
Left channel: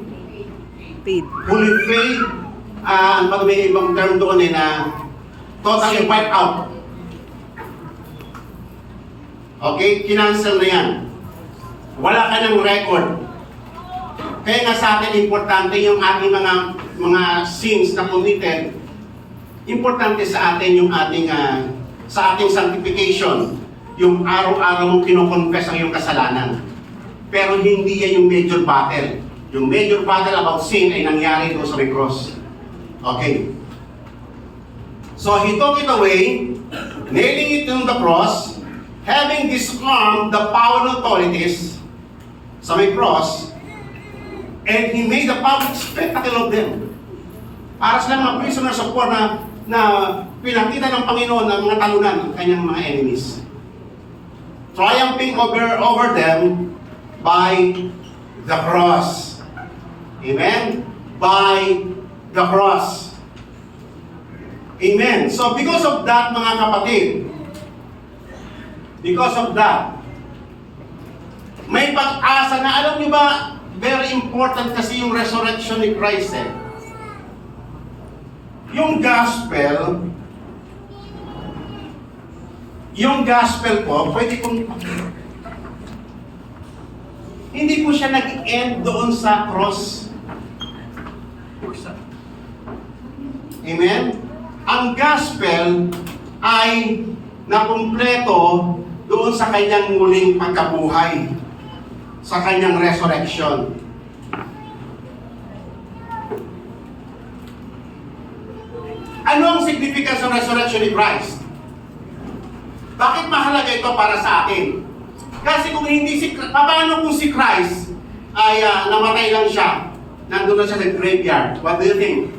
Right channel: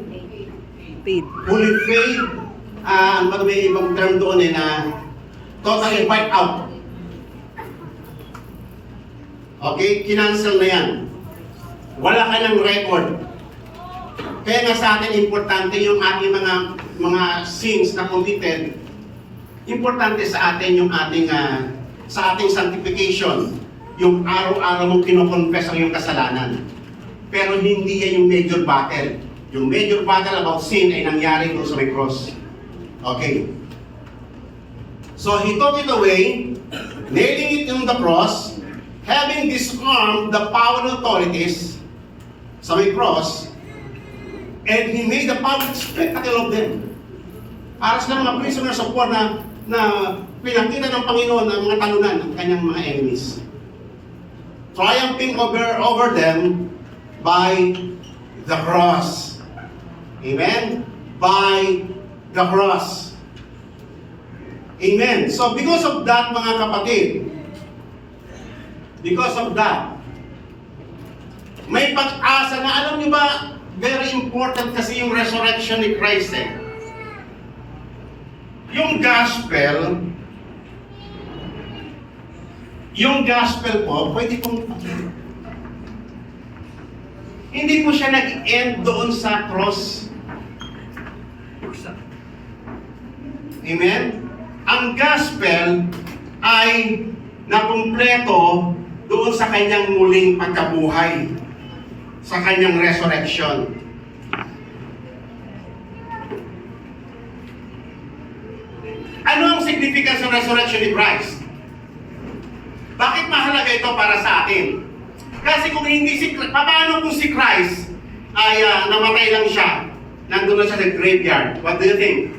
Paid. paid. May ibang term doon eh na totally wiped out. Okay, kinancel na yan. Wala ka ng record. Kaya nga sa atin importante yung ating mga sins na committed. Importante sa atin yung ating sa ating sanctification, yung araw-araw mong kinoconfess ang iyong kasalanan. Pero hindi yan yung major battle. Yung major battle about sin ay nangyari doon sa may cross. Okay. So He took it away, nailing it on the cross, having disarmed the power and authorities sa may cross, and He made a public spectacle of them. Para sila mga prisoners of war na pinakita ng Panginoon ang mga talunan ng kanyang mga enemies. Triumphing over them by the cross. Amen? By the cross. Amen. So because of that, mga kapatid, because of that, may pag-asa na, alam niyo ba, very important kasi yung resurrection ni Christ eh. Yung gospel po, pwede kong hindi po siya nag-end doon sa cross. Amen? Ang gospel ay nakumpleto doon sa kanyang muling pagkabuhay, sa kanyang resurrection. Ano ang significance ng resurrection ni Christ? Bakit mahalaga ito para sa atin? Kasi kung hindi paano kung si Christ ay namatay lang siya, nandun na siya sa graveyard, what do you think?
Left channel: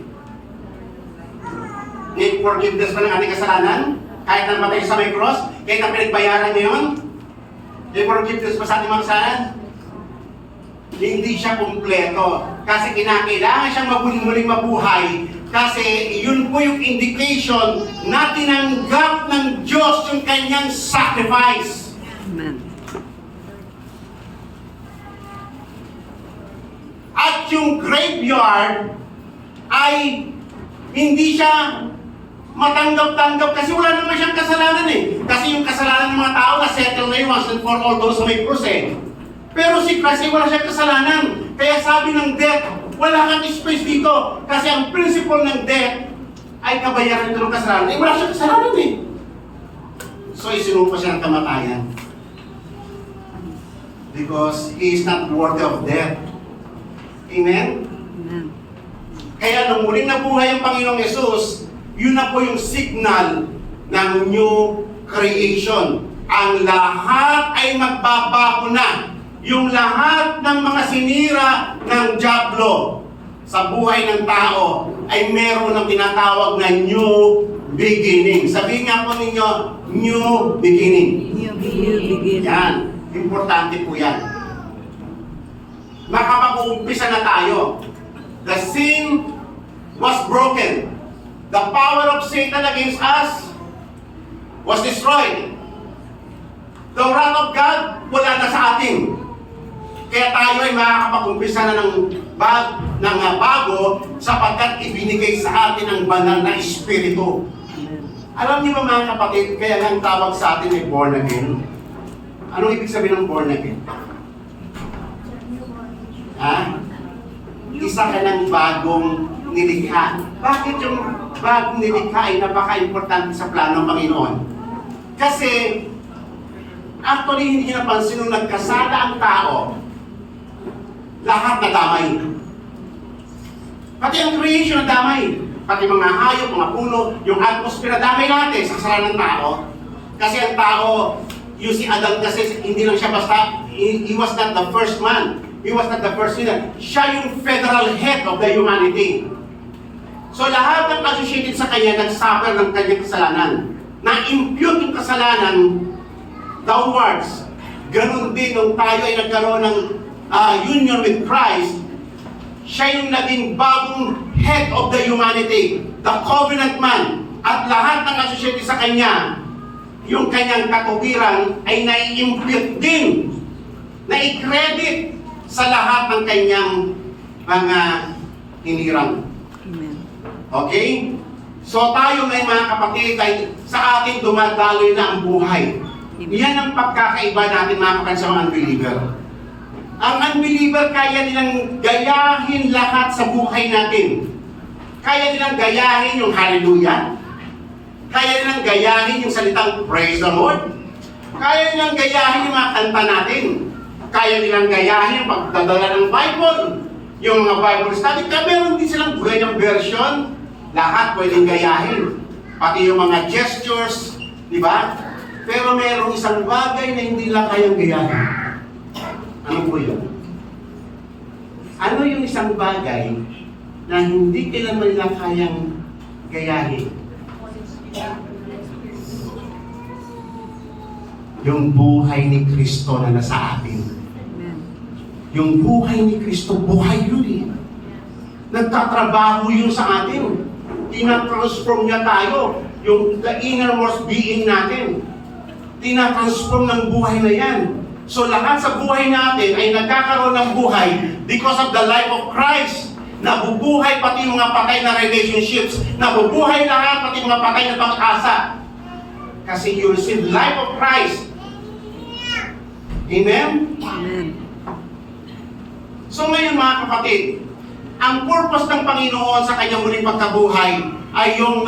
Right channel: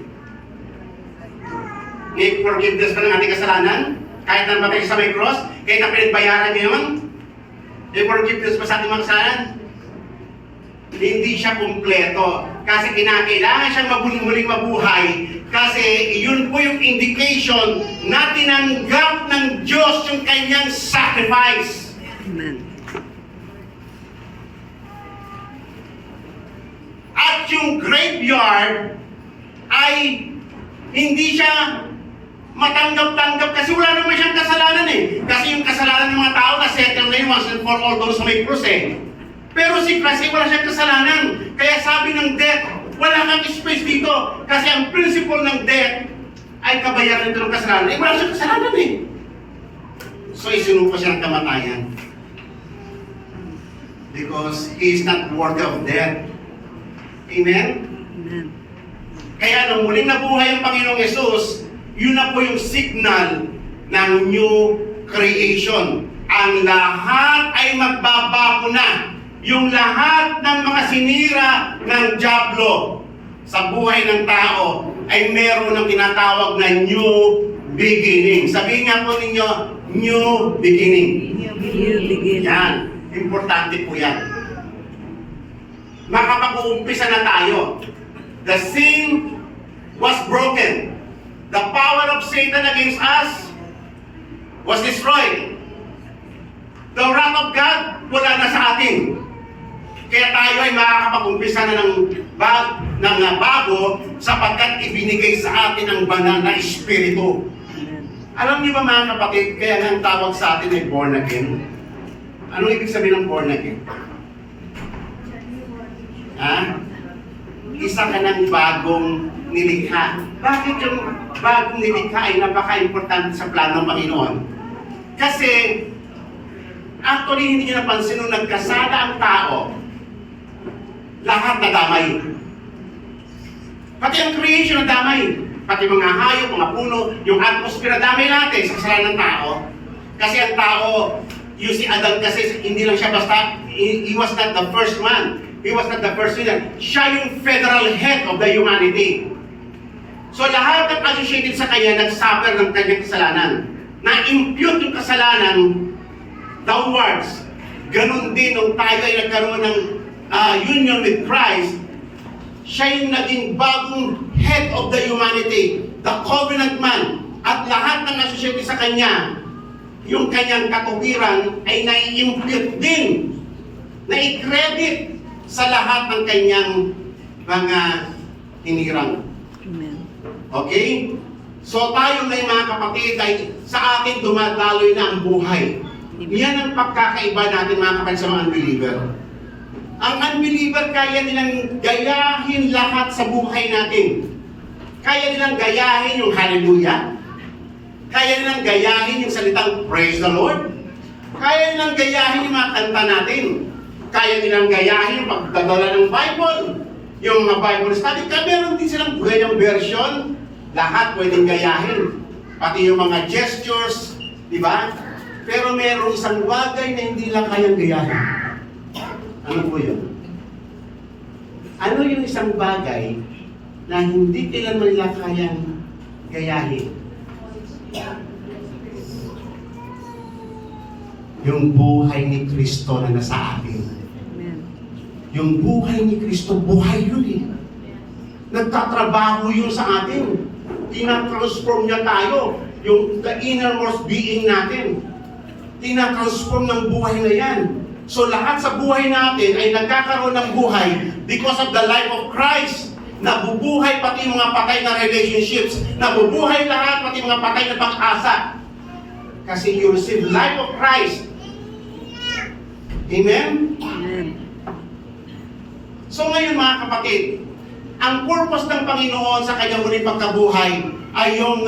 May forgiveness pa ng ating kasalanan? Kahit na namatay sa may cross? Kahit na pinagbayaran niya yun? May forgiveness pa sa ating mga kasalanan? Hindi siya kumpleto. Kasi kinakailangan siyang muling mabuhay. Kasi yun po yung indication na tinanggap ng Diyos yung kanyang sacrifice. Amen. At yung graveyard ay hindi siya matanggap-tanggap kasi wala naman siyang kasalanan eh. Kasi yung kasalanan ng mga tao na settle na yun once and for all doon sa may cross eh. Pero si Christ wala siyang kasalanan. Kaya sabi ng death, wala kang space dito. Kasi ang principle ng death ay kabayaran ito ng kasalanan. Eh wala siyang kasalanan eh. So isinupa siya ng kamatayan. Because he is not worthy of death. Amen? Amen. Kaya nung muling nabuhay ang Panginoong Yesus, yun na po yung signal ng new creation. Ang lahat ay magbabago na. Yung lahat ng mga sinira ng dyablo sa buhay ng tao ay meron ng tinatawag na new beginning. Sabihin nga po ninyo, new beginning. New beginning. Yan. Importante po yan. Makapag-uumpisa na tayo. The sin was broken. The power of Satan against us was destroyed. The wrath of God wala na sa atin. Kaya tayo ay makakapag-umpisa na ng bago sapagkat ibinigay sa atin ang banal na Espiritu. Amen. Alam niyo ba mga kapatid, kaya nga ang tawag sa atin ay born again? Anong ibig sabihin ng born again? Ha? Isa ka ng bagong nilikha. Bakit yung bagong nilikha ay napaka-importante sa plano ng Panginoon? Kasi, actually, hindi niyo napansin nung nagkasala ang tao, lahat nadamay. Pati ang creation nadamay. Pati mga hayop, mga puno, yung atmosphere nadamay natin sa kasalanan ng tao. Kasi ang tao, you see, Adam kasi hindi lang siya basta, he was not the first man. He was not the first leader. Siya yung federal head of the humanity. So lahat ng associated sa kanya nagsuffer ng kanyang kasalanan. Na-impute yung kasalanan downwards. Ganon din nung tayo ay nagkaroon ng union with Christ, siya yung naging bagong head of the humanity, the covenant man. At lahat ng associated sa kanya, yung kanyang katuwiran ay nai-impute din, nai-credit sa lahat ng kanyang mga hinirang. Amen. Okay? So tayo may mga kapatid ay sa atin dumadaloy na ang buhay. Yan ang pagkakaiba natin mga kapatid sa mga unbeliever. Ang unbeliever kaya nilang gayahin lahat sa buhay natin. Kaya nilang gayahin yung hallelujah. Kaya nilang gayahin yung salitang praise the Lord. Kaya nilang gayahin yung mga kanta natin. Kaya nilang gayahin yung pagdadala ng Bible. Yung mga Bible study. Kaya meron din silang ganyang version. Lahat pwedeng gayahin. Pati yung mga gestures. Di ba? Pero meron isang bagay na hindi lang kayang gayahin. Ano po yun? Ano yung isang bagay na hindi kailanman nila kayang gayahin? Yung buhay ni Kristo na nasa atin. Amen. Yung buhay ni Kristo, buhay yun eh. Nagtatrabaho yun sa atin. Tina-transform niya tayo. Yung the innermost being natin. Tina-transform ng buhay na yan. So lahat sa buhay natin ay nagkakaroon ng buhay because of the life of Christ. Nabubuhay pati mga patay na relationships. Nabubuhay lahat pati mga patay na pag-asa. Kasi you receive life of Christ. Amen? Amen. So ngayon mga kapatid, ang purpose ng Panginoon sa kanyang muling pagkabuhay ay yung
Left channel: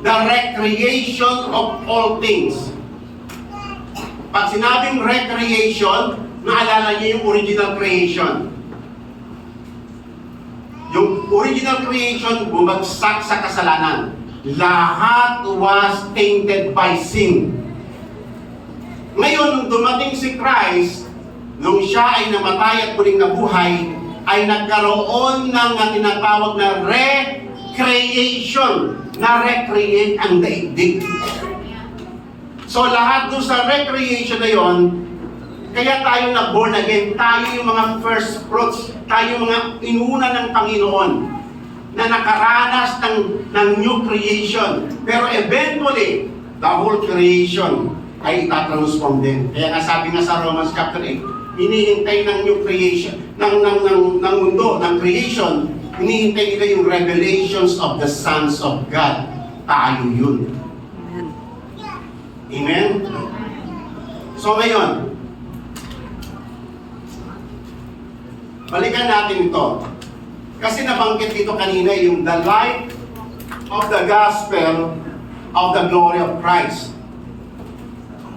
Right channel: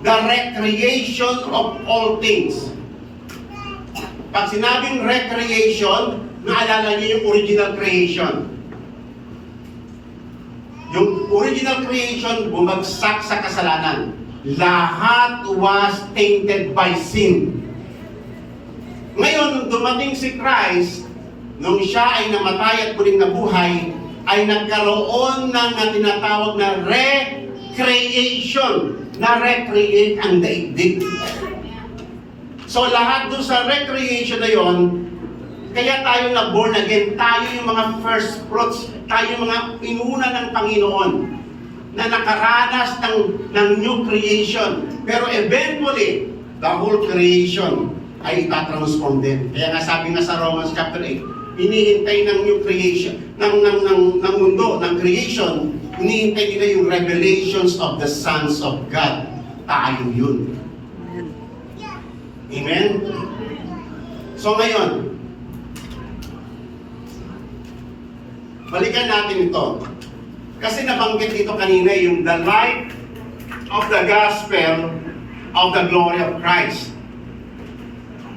the recreation of all things. Pag sinabing recreation, naalala niyo yung original creation. Yung original creation, bumagsak sa kasalanan. Lahat was tainted by sin. Ngayon, nung dumating si Christ, nung siya ay namatay at muling nabuhay, ay nagkaroon ng tinatawag na recreation. Na-recreate ang daigdig. So lahat doon sa recreation na yon, kaya tayo na born again, tayo yung mga first fruits, tayo yung mga inuna ng Panginoon na nakaranas ng new creation. Pero eventually, the whole creation ay itatransform din. Kaya nga sabi nga sa Romans chapter 8, hinihintay ng new creation, ng mundo, ng creation, hinihintay nila yung revelations of the sons of God. Tayo yun. Amen. Amen? So ngayon, balikan natin ito. Kasi nabanggit dito kanina yung the light of the gospel of the glory of Christ.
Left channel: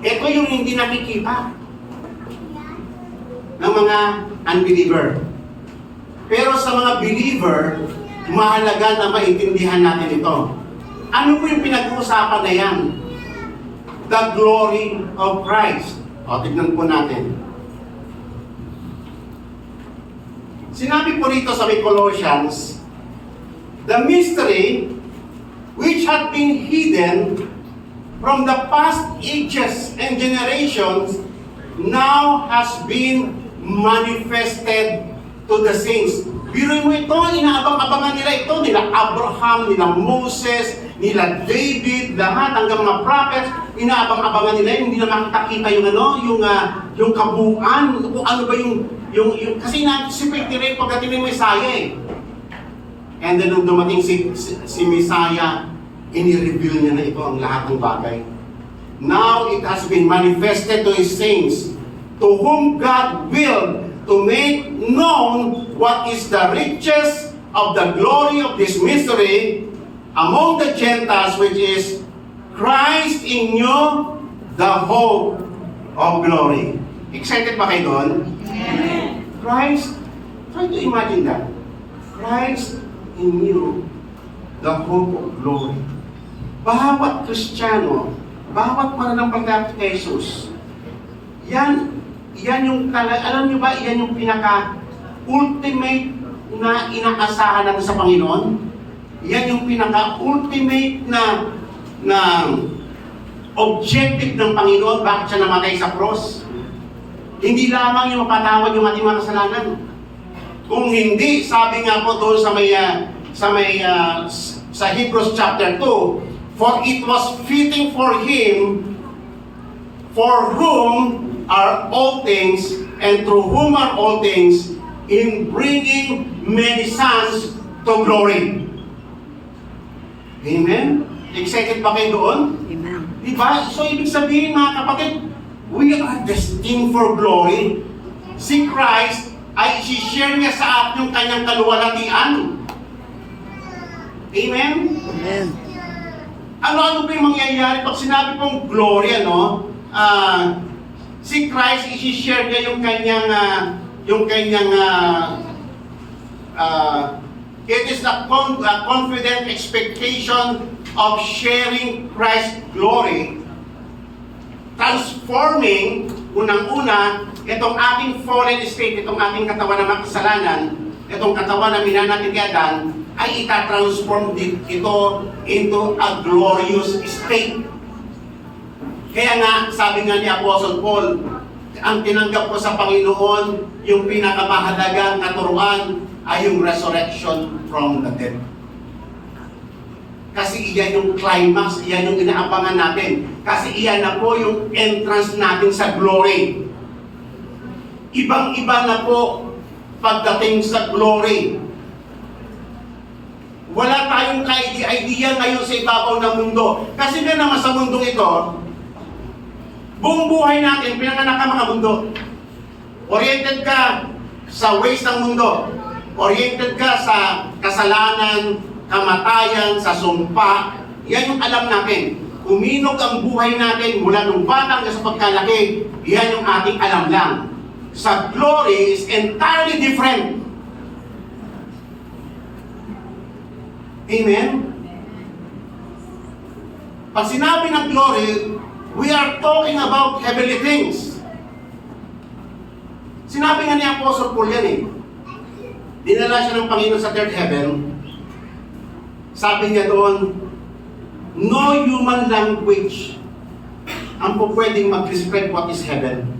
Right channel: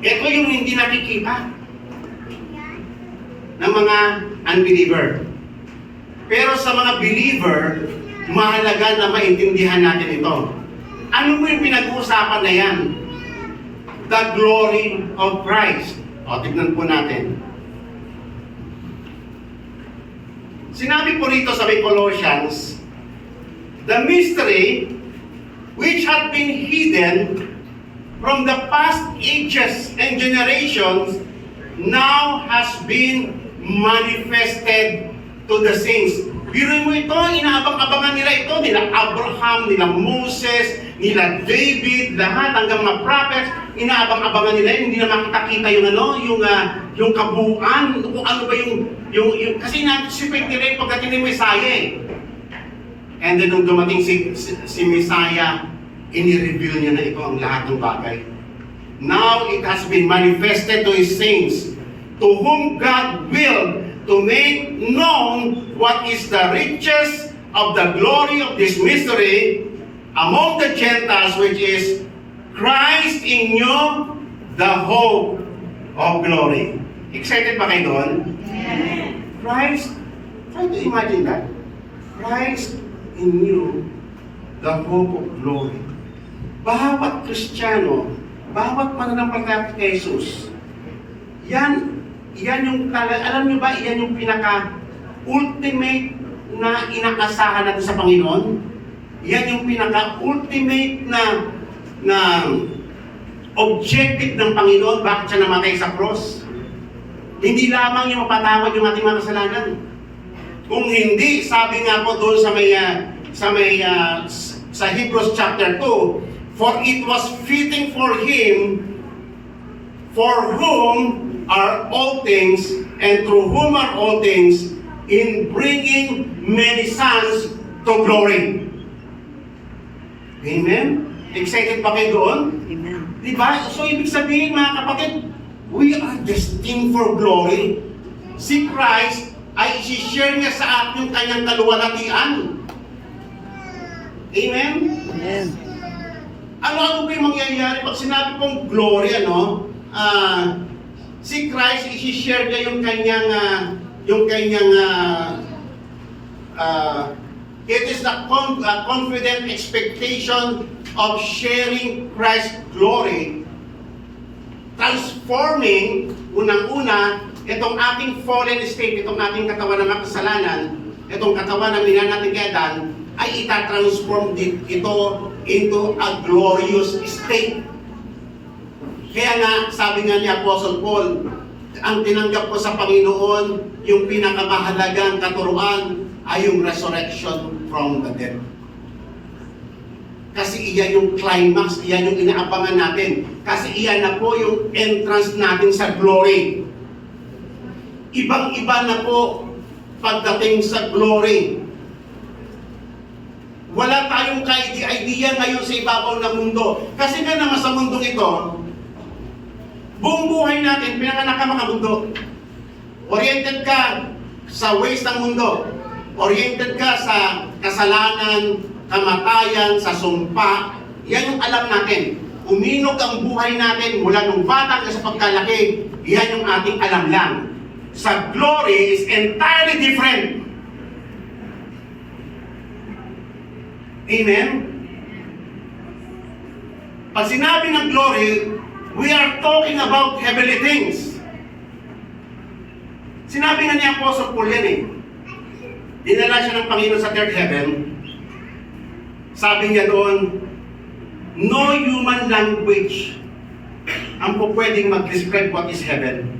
Ito yung hindi nakikita ng mga unbeliever. Pero sa mga believer, mahalaga na maintindihan natin ito. Ano po yung pinag-uusapan na yan? The glory of Christ. O, tignan po natin. Sinabi po rito sa may Colossians, the mystery which had been hidden from the past ages and generations now has been manifested to the saints. Biro mo ito, inaabang-abangan nila ito, nila Abraham, nila Moses, nila David, lahat hanggang mga prophets, inaabang-abangan nila, hindi na makita-kita yung yung kabuuan, kung ano ba yung kasi na-anticipate nila yung pagdating ng Messiah eh. And then nung dumating si Messiah, ini-reveal niya na ito ang lahat ng bagay. Now it has been manifested to His saints, to whom God willed to make known what is the riches of the glory of this mystery among the Gentiles, which is Christ in you, the hope of glory. Excited ba kayo doon? Amen. Christ, try to imagine that. Christ in you, the hope of glory. Bawat Kristiyano, bawat mananampalataya kay Jesus, yan yung alam nyo ba, yan yung pinaka-ultimate na inaasahan natin sa Panginoon. Yan yung pinaka-ultimate na objective ng Panginoon, bakit siya namatay sa cross. Hindi lamang yung mapatawad yung ating mga kasalanan. Kung hindi, sabi nga po doon sa Hebrews chapter 2, for it was fitting for Him, for whom are all things, and through whom are all things, in bringing many sons to glory. Amen? Excited pa kayo doon? Amen. Diba? So, ibig sabihin mga kapatid, we are destined for glory. Si Christ ay isi-share niya sa atin yung kanyang kaluwalhatian. Amen? Amen. Ano ba yung mangyayari pag sinabi kong glory, si Christ, isi-share niya yung kanyang, it is the confident expectation of sharing Christ's glory, transforming, unang-una, itong ating fallen state, itong ating katawan na makasalanan, itong katawan na minanatin kay Adan, ay itatransform ito into a glorious state. Kaya nga, sabi nga ni Apostle Paul, ang tinanggap ko sa Panginoon, yung pinakamahalagang katuruan ay yung resurrection from the dead. Kasi iyan yung climax, iyan yung inaabangan natin. Kasi iyan na po yung entrance natin sa glory. Ibang-iba na po pagdating sa glory. Wala tayong idea ngayon sa ibabaw ng mundo. Kasi nga naman sa mundong ito, buong buhay natin, pinanganak ka mga mundo. Oriented ka sa ways ng mundo. Oriented ka sa kasalanan, kamatayan, sa sumpa. Yan yung alam natin. Uminog ang buhay natin mula nung bata hanggang sa pagkalaki. Yan yung ating alam lang. Sa glory is entirely different. Amen? Pag sinabi ng glory, we are talking about heavenly things. Sinabi nga ni Apostle Paul yan eh. Dinala siya ng Panginoon sa third heaven. Sabi niya doon, no human language ang po pwedeng mag-describe what is heaven.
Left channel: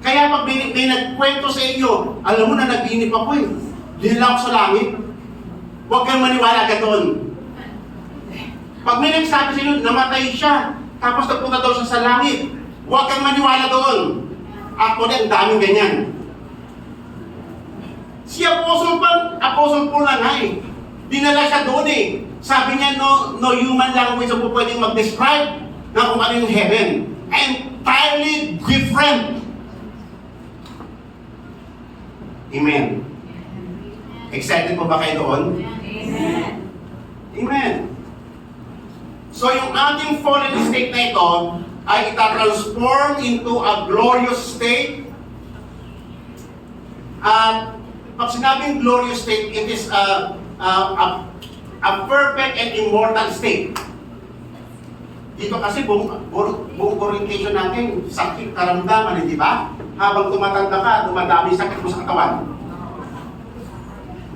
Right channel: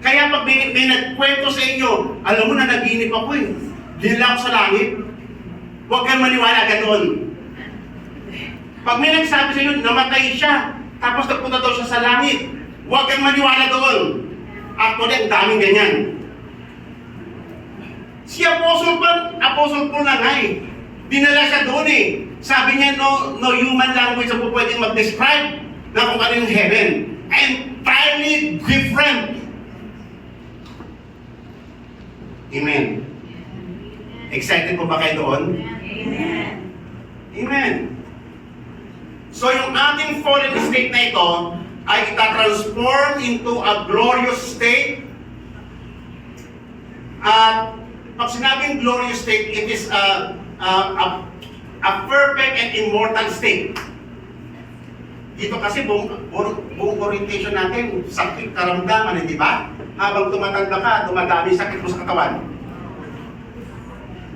Kaya pag may nagkwento sa inyo, alam mo na naginip ako eh. Dinala ako sa langit. Huwag kayong maniwala agad doon. Pag may nagsabi sa inyo, namatay siya, tapos nagpunta daw siya sa langit, huwag kang maniwala doon. Actually, ang daming ganyan. Si Apostle Paul lang ay, dinala siya doon eh. Sabi niya, no human language ang po pwedeng mag-describe na kung ano yung heaven. Entirely different. Amen. Excited po ba kayo doon? Amen. Amen. So yung ating fallen state na ito, ay itatransform into a glorious state. At pag sinabing glorious state, it is a perfect and immortal state. Dito kasi buong orientation natin, sakit, karamdaman, di ba? Habang tumatanda ka, dumadami sakit mo sa katawan.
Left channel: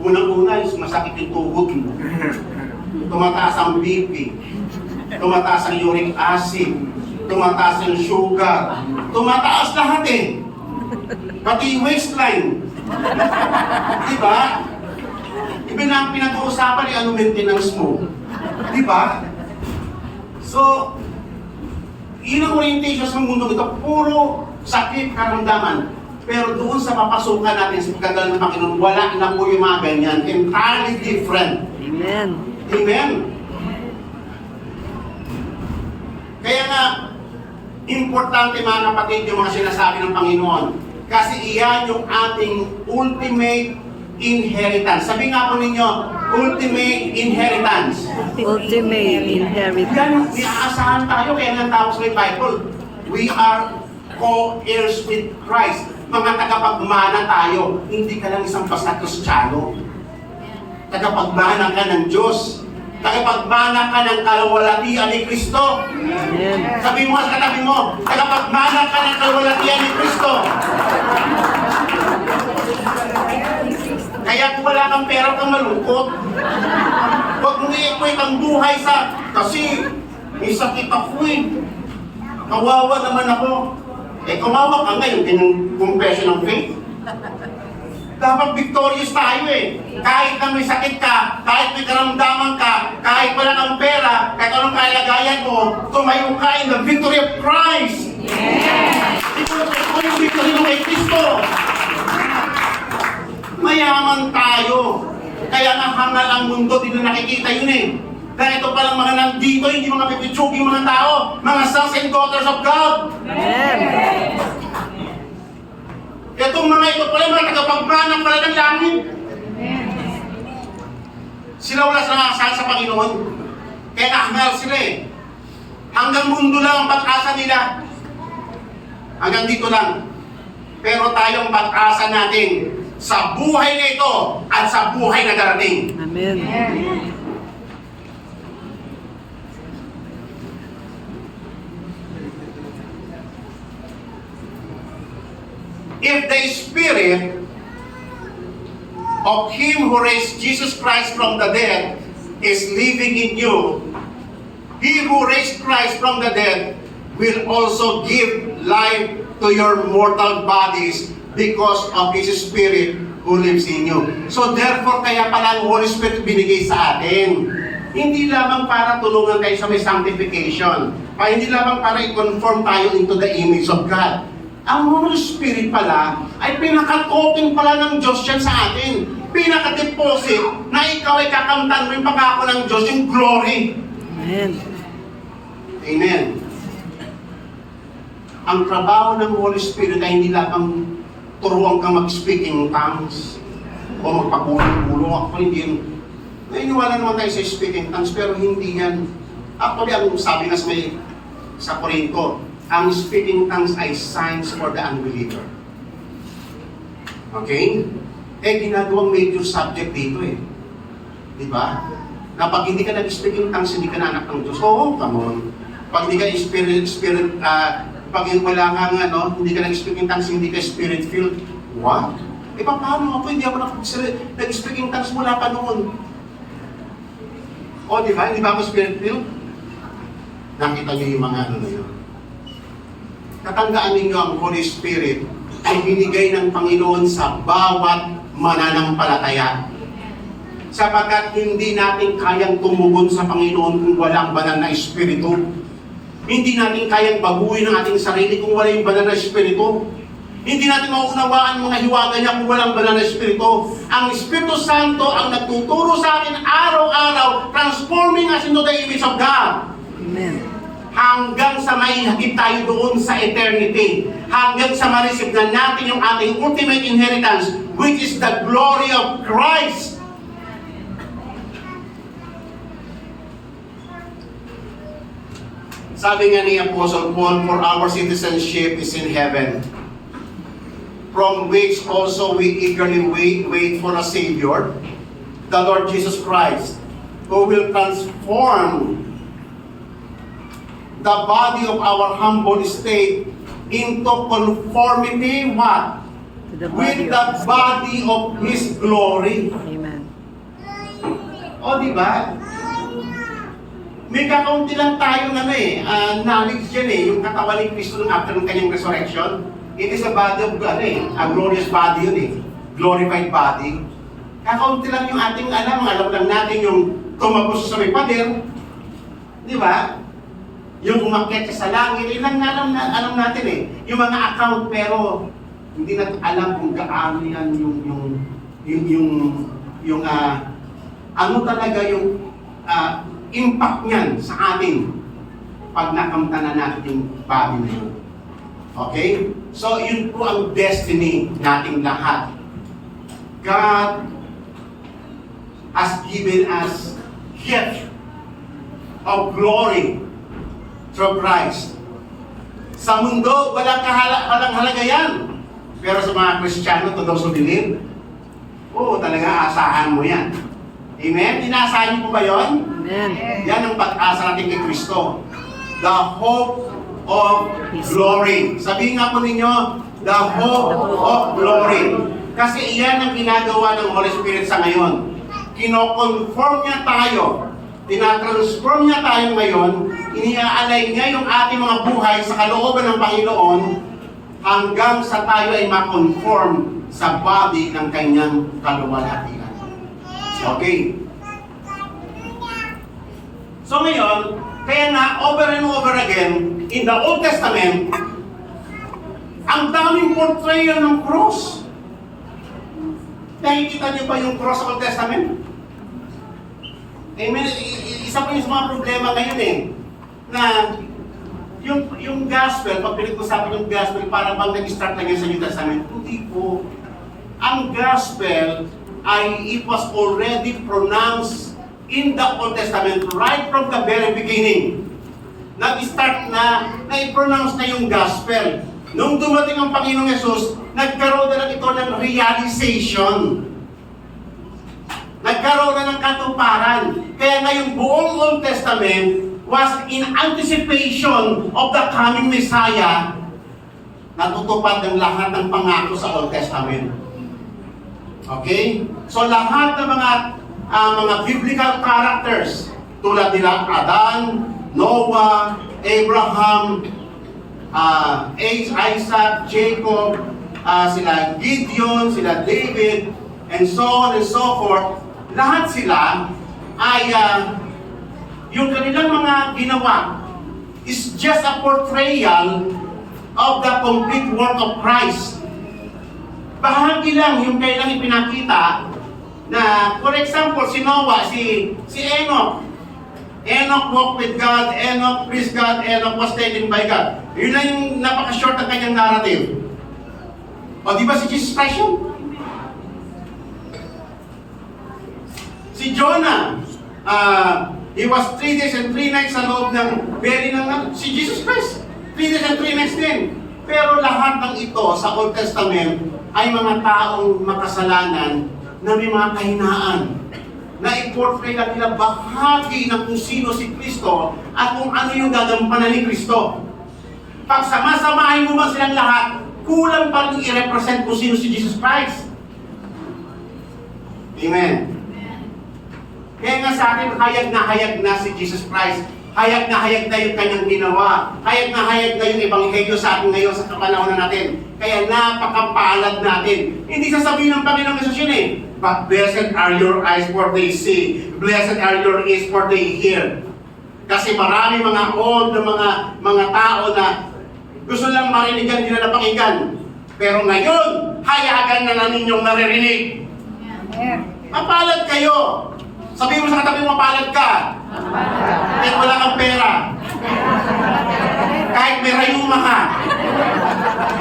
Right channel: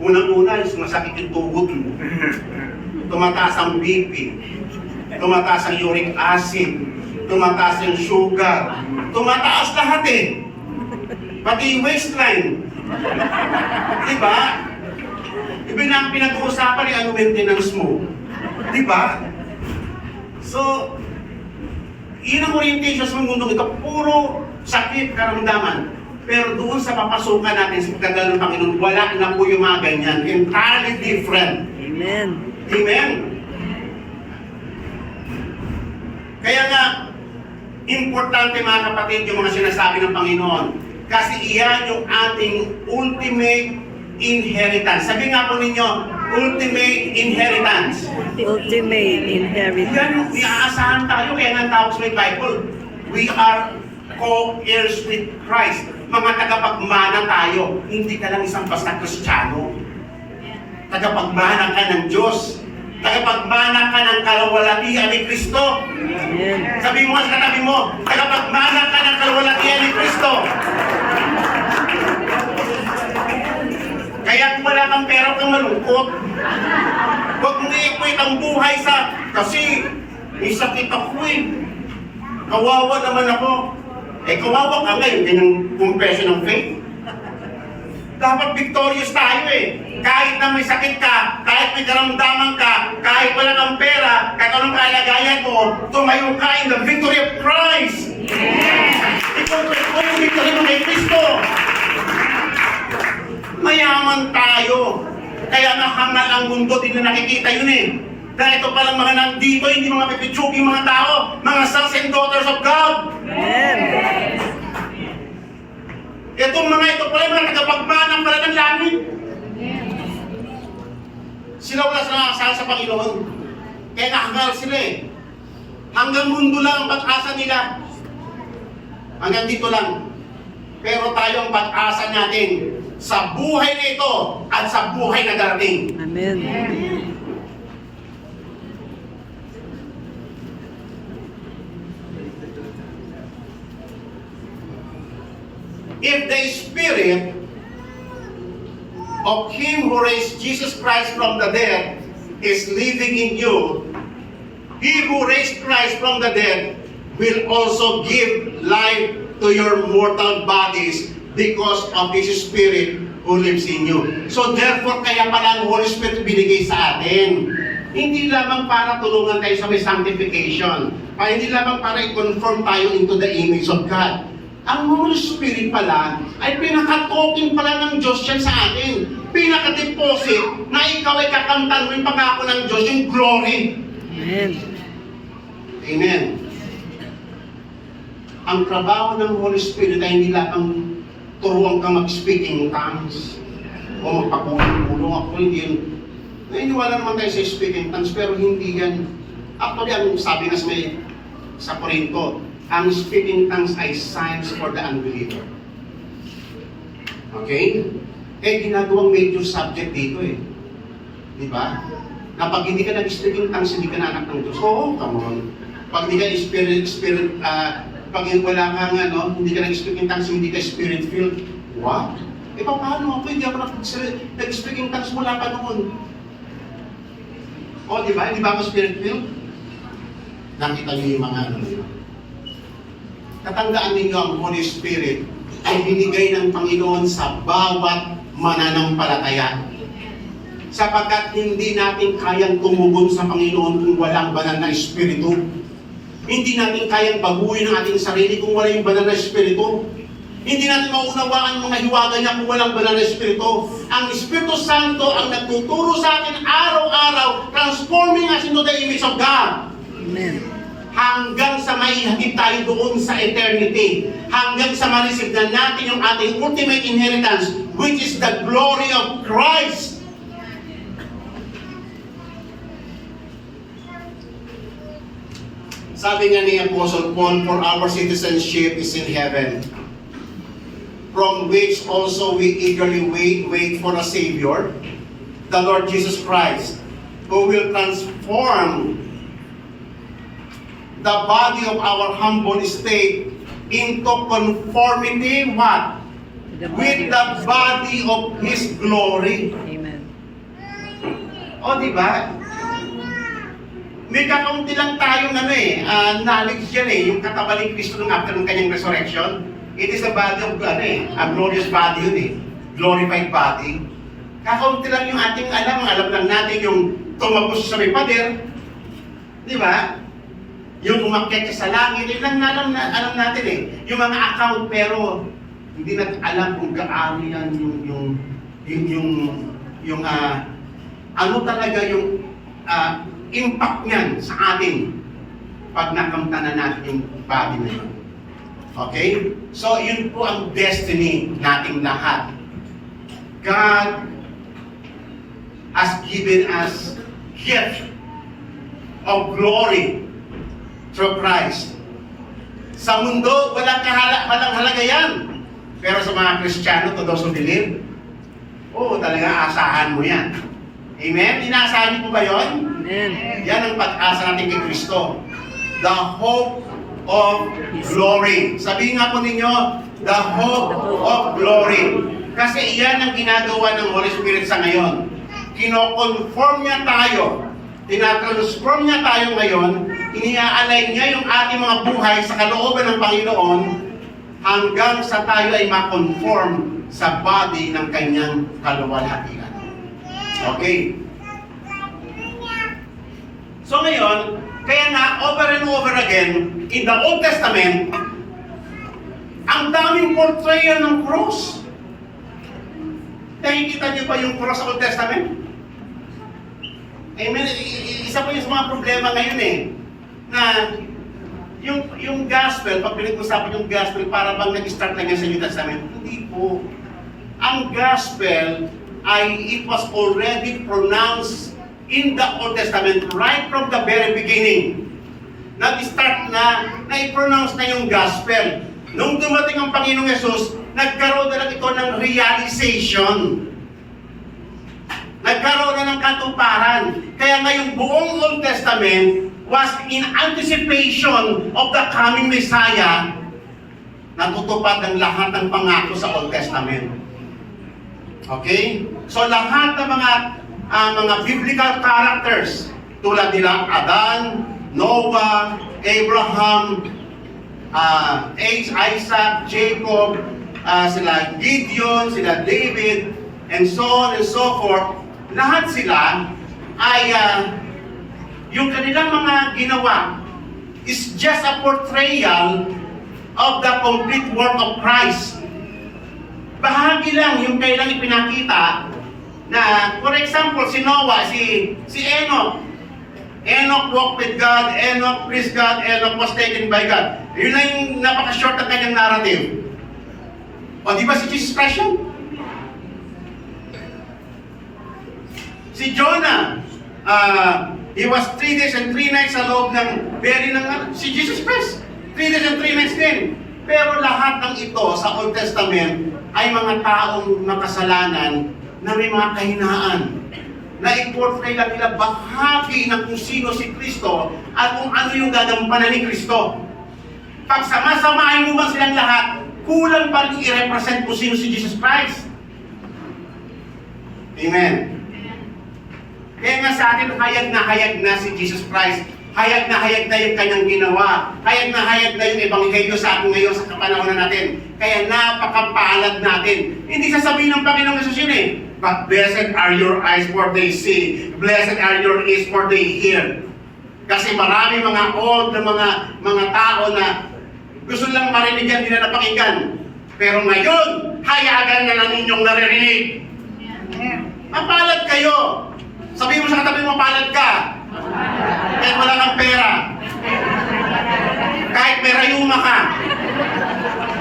Unang-una, masakit yung tuhod mo. Tumataas ang BP. Tumataas ang uric acid. Tumataas yung sugar. Tumataas lahat eh. Pati yung waistline. Diba? Pinag-uusapan yung ano maintenance mo. Diba? So, yun ang orientation sa mundo ito. Puro sakit, karamdaman. Pero doon sa papasukan natin sa pagkagalaw ng Panginoon, wala na po yung mga ganyan. Entirely different. Amen. Amen. Kaya nga, importante mga kapatid yung mga sinasabi ng Panginoon. Kasi iyan yung ating ultimate inheritance. Sabi nga po ninyo, ultimate inheritance. Ultimate inheritance. Yan yung iaasahan tayo, kaya nga tawag sa Bible. We are co-heirs with Christ. Mga tagapagmana tayo. Hindi ka lang isang basta Kristiyano. Tagapagmana ka ng Diyos. Tagapagmana ka ng kalawalatian ni Kristo. Amen. Sabi mo sa katabi mo, tagapagmana ka ng kalawalatian ni Kristo. Kaya kung wala kang pera, kang malungkot. Huwag mong i-equate ang buhay sa, kasi may sakit ako eh. Kawawa naman ako. Eh, kawawa ka ngayon, din ang confession of faith. Dapat victorious tayo eh. Kahit na may sakit ka, kahit may karamdaman ka, kahit wala kang pera, kahit anong kalagayan mo, tumayo ka in the victory of Christ. Yes! Ito yung victory mo kay Kristo. Mayaman tayo. Kaya nga hangal ang mundo, di na nakikita yun eh. Dahil ito palang mga nandito, hindi mga pipitsuging mga tao, mga sons and daughters of God. Amen. Itong mga ito pala, mga tagapagmanang pala ng langit. Sila wala sa nakasal sa Panginoon. Kaya nahangal sila eh. Hanggang mundo lang ang pag-asa nila. Hanggang dito lang. Pero tayo ang pag-asa natin sa buhay na ito at sa buhay na darating. Amen. If the Spirit of Him who raised Jesus Christ from the dead is living in you, He who raised Christ from the dead will also give life to your mortal bodies because of His Spirit who lives in you. So therefore, kaya pala ang Holy Spirit binigay sa atin. Hindi lamang para tulungan tayo sa may sanctification. Hindi lamang para i-conform tayo into the image of God. Ang Holy Spirit pala ay pinaka-coping pala ng Diyos yan sa atin. Pinaka-deposit na ikaw ay kakamtan mo yung pangako ng Diyos, yung glory. Amen. Amen. Ang trabaho ng Holy Spirit ay hindi lamang turuan kang mag-speaking tongues o magpagulong-gulong. Ako hindi yun. Naniniwala naman tayo sa speaking tongues pero hindi yan. Actually, ang sabi nga sa Corinto, ang speaking tongues ay signs for the unbeliever. Okay? Eh, ginagawang major subject dito eh. Di ba? Na pag hindi ka nag-speaking tongues, hindi ka na anak ng Diyos. Oo, come on. Pag hindi ka pag wala kang hindi ka nag-speaking tongues, hindi ka spirit-filled. What? Eh, paano ako? Hindi ako nag-speaking tongues mula pa noon. O, di ba? Hindi ba ako spirit-filled? Nakita niyo yung mga na yun. Tatandaan ninyo ang Holy Spirit ay binigay ng Panginoon sa bawat mananampalataya. Sapagkat hindi natin kayang tumugon sa Panginoon kung walang banal na Espiritu. Hindi natin kayang baguhin ang ating sarili kung wala yung banal na Espiritu. Hindi natin maunawaan mga hiwaga niya kung walang banal na Espiritu. Ang Espiritu Santo ang nagtuturo sa atin araw-araw, transforming us into the image of God. Amen. Hanggang sa maihatid tayo doon sa eternity. Hanggang sa ma-receive na natin yung ating ultimate inheritance, which is the glory of Christ. Sabi nga ni Apostle Paul, for our citizenship is in heaven, from which also we eagerly wait for a Savior, the Lord Jesus Christ, who will transform the body of our humble estate into conformity what? To the With the body of His glory. Amen. O, di ba? May kakaunti lang tayo na knowledge dyan yung katawan ni Kristo nung after ng kanyang resurrection. It is a body of a glorious body yun glorified body. Kakaunti lang yung ating alam lang natin yung tumagos sa may pader. Di ba? Yung umakyat siya sa langit, yun lang alam natin Yung mga account, pero hindi natin alam kung gaano yan ano talaga yung impact niyan sa atin pag nakamta na natin yung body na yun. Okay? So, yun po ang destiny nating lahat. God has given us gift of glory through Christ. Sa mundo, walang halaga yan. Pero sa mga Kristiyano, to those who believe, talaga asahan mo yan. Amen? Inaasahan niyo po ba yun? Amen. Yan ang pag-asa natin kay Kristo. The hope of glory. Sabihin nga po ninyo, the hope of glory. Kasi iyan ang ginagawa ng Holy Spirit sa ngayon. Kino-conform niya tayo. Tinatransform niya tayo ngayon. Iniaalay niya yung ating mga buhay sa kalooban ng Panginoon hanggang sa tayo ay ma-conform sa body ng kanyang kaluwalhatian. Okay. So ngayon, kaya nga over and over again, in the Old Testament, ang daming portrayal ng cross. Nakikita niyo ba yung cross sa Old Testament? Amen. Isa po yung mga problema ngayon na yung gospel, pag pinag-usapan yung gospel, para bang nag-start na yan sa New Testament? Hindi po. Ang gospel ay it was already pronounced in the Old Testament right from the very beginning. Nag-start na i-pronounce na yung gospel. Nung dumating ang Panginoong Yesus, nagkaroon na ito ng realization. Nagkaroon na ng katuparan. Kaya ngayong buong Old Testament was in anticipation of the coming Messiah. Natutupad ng lahat ng pangako sa Old Testament. Okay? So lahat ng mga biblical characters tulad nila Adan, Noah, Abraham, Isaac, Jacob, sila Gideon, sila David, and so on and so forth, lahat sila ay yung kanilang mga ginawa is just a portrayal of the complete work of Christ. Bahagi lang yung kailang ipinakita na, for example, si Noah, si Enoch. Enoch walked with God, Enoch pleased God, Enoch was taken by God. Yun lang yung napaka-short ng kanyang narrative. O di ba si Jesus Christ yun? Si Jonah, he was 3 days and 3 nights sa loob ng belly ng si Jesus Christ. 3 days and 3 nights din. Pero lahat ng ito sa Old Testament ay mga taong makasalanan na may mga kahinaan. Na i-portray lang nila bahagi ng kung sino si Kristo at kung ano yung gagampanan ni Kristo. Pag sama-samahin mo ba silang lahat, kulang pa rin i-represent kung sino si Jesus Christ. Amen. Kaya nga sa atin, hayag na si Jesus Christ. Hayag na yung kanyang ginawa. Hayag na yung ebanghelyo sa atin ngayon sa kapanahon natin. Kaya napakapalad natin. Hindi sasabihin ng Panginoong Yesus yun but blessed are your eyes for they see. Blessed are your ears for they hear. Kasi marami mga old na mga tao na gusto lang marinig yan, hindi na napakinggan. Pero ngayon, hayagan na lang ninyong naririnig. Mapalad kayo. Sabihin mo sa katabi mo, mapalad ka. Kahit wala kang pera. Kahit may rayuma ka.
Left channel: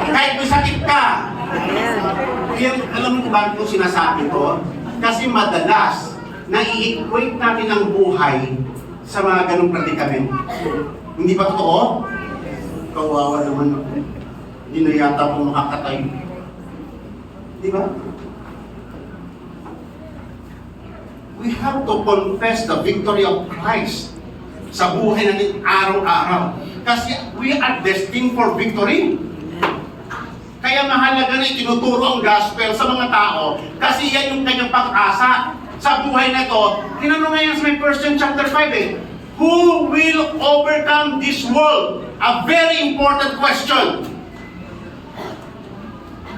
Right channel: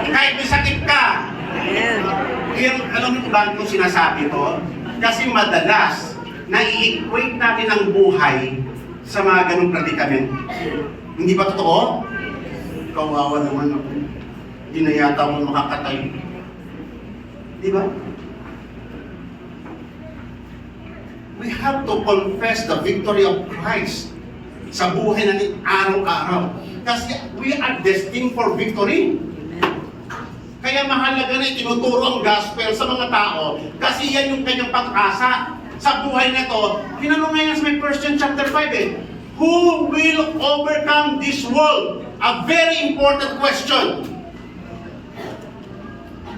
Kahit may sakit ka. Kaya alam mo ba kung sinasabi ko? Kasi madalas, nai-equate natin ang buhay sa mga ganong predicament. Hindi ba totoo? Kawawa naman ako. Hindi na yata ako makakatay. Di ba? We have to confess the victory of Christ sa buhay natin araw-araw. Kasi we are destined for victory. Kaya mahalaga na itinuturo ang gospel sa mga tao kasi yan yung kanyang pag-asa sa buhay na ito. Tinanong nga yan sa may 1 John chapter 5 eh. Who will overcome this world? A very important question.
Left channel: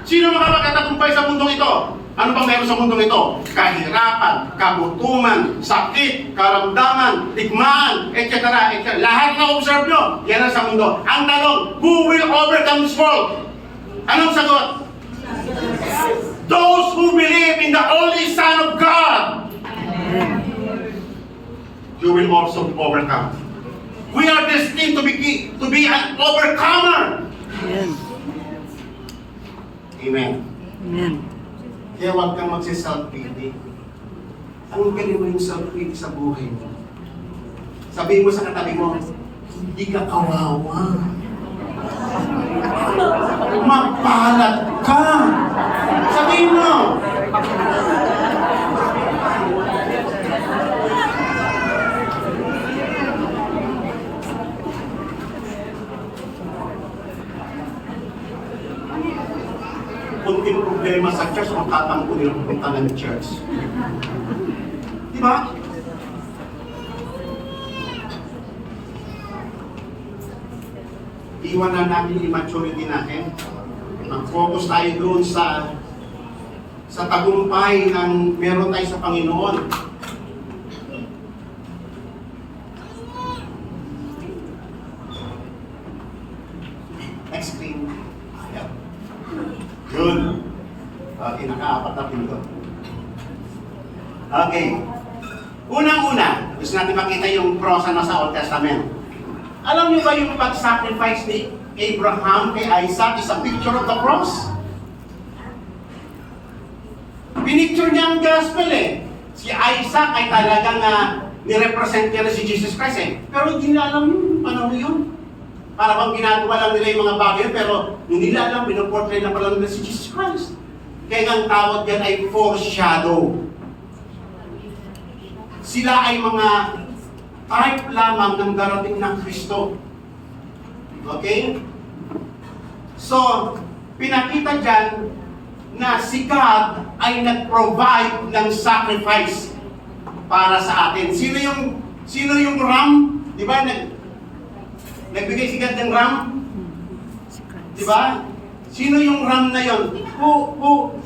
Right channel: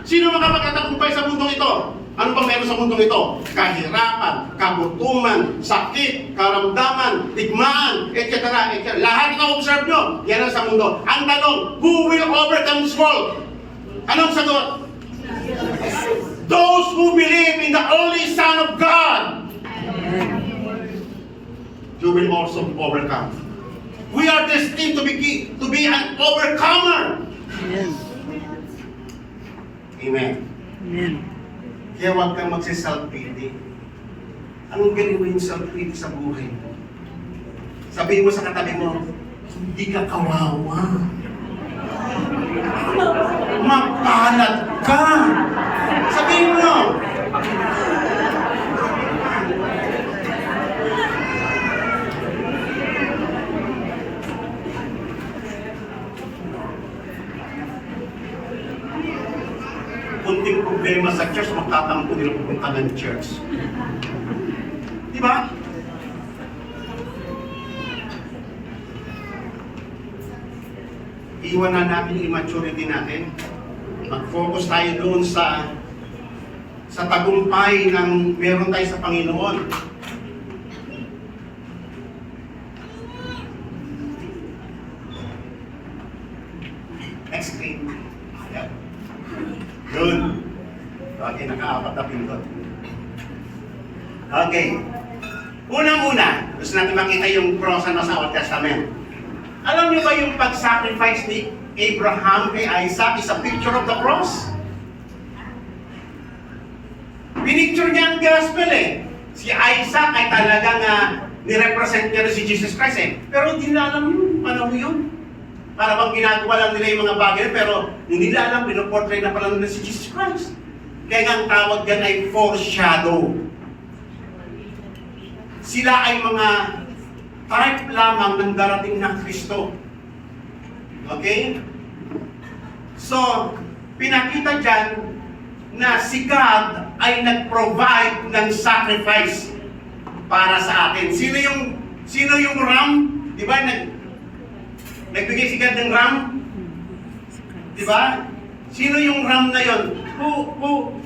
Sino makapagtatagumpay sa mundong ito? Ano bang meron sa mundong ito? Kahirapan, kagutuman, sakit, karamdaman, digmaan, etc. Lahat na observe nyo, yan ang sa mundo. Ang tanong, who will overcome this world? Anong sagot? Those who believe in the only Son of God. You will also overcome. We are destined to be an overcomer. Amen. Amen. Amen. Kaya huwag kang magsiself-pity. Anong galing mo yung self-pity sa buhay mo? Sabihin mo sa katabi mo, hindi ka kawawa. Mapalad ka. Sabihin mo. Kunting problema sa church, magtatampo nila pupunta ng church. Di ba? Iwan na namin yung immaturity natin. Mag-focus tayo doon sa tagumpay ng meron tayo sa Panginoon. Next screen. Yep. Good. Okay, naka-apat na pindot. Okay. Unang-una, gusto natin makita yung cross na sa Old Testament. Alam niyo ba yung pag-sacrifice ni Abraham kay Isaac is a picture of the cross? Pinicture niya ang gospel eh. Si Isaac ay talagang nirepresent niya rin si Jesus Christ eh. Pero hindi nila alam yun. Ano yun? Para bang ginagawa lang nila yung mga bagay, pero hindi nila alam, pinoportray na pala nila si Jesus Christ. Kaya ang tawag yan ay foreshadow. Sila ay mga type lamang ng darating na Kristo. Okay? So, pinakita dyan na si God ay nag-provide ng sacrifice para sa atin. Sino yung ram? Di ba? Nagbigay si God ng ram? Di ba? Sino yung ram na yon?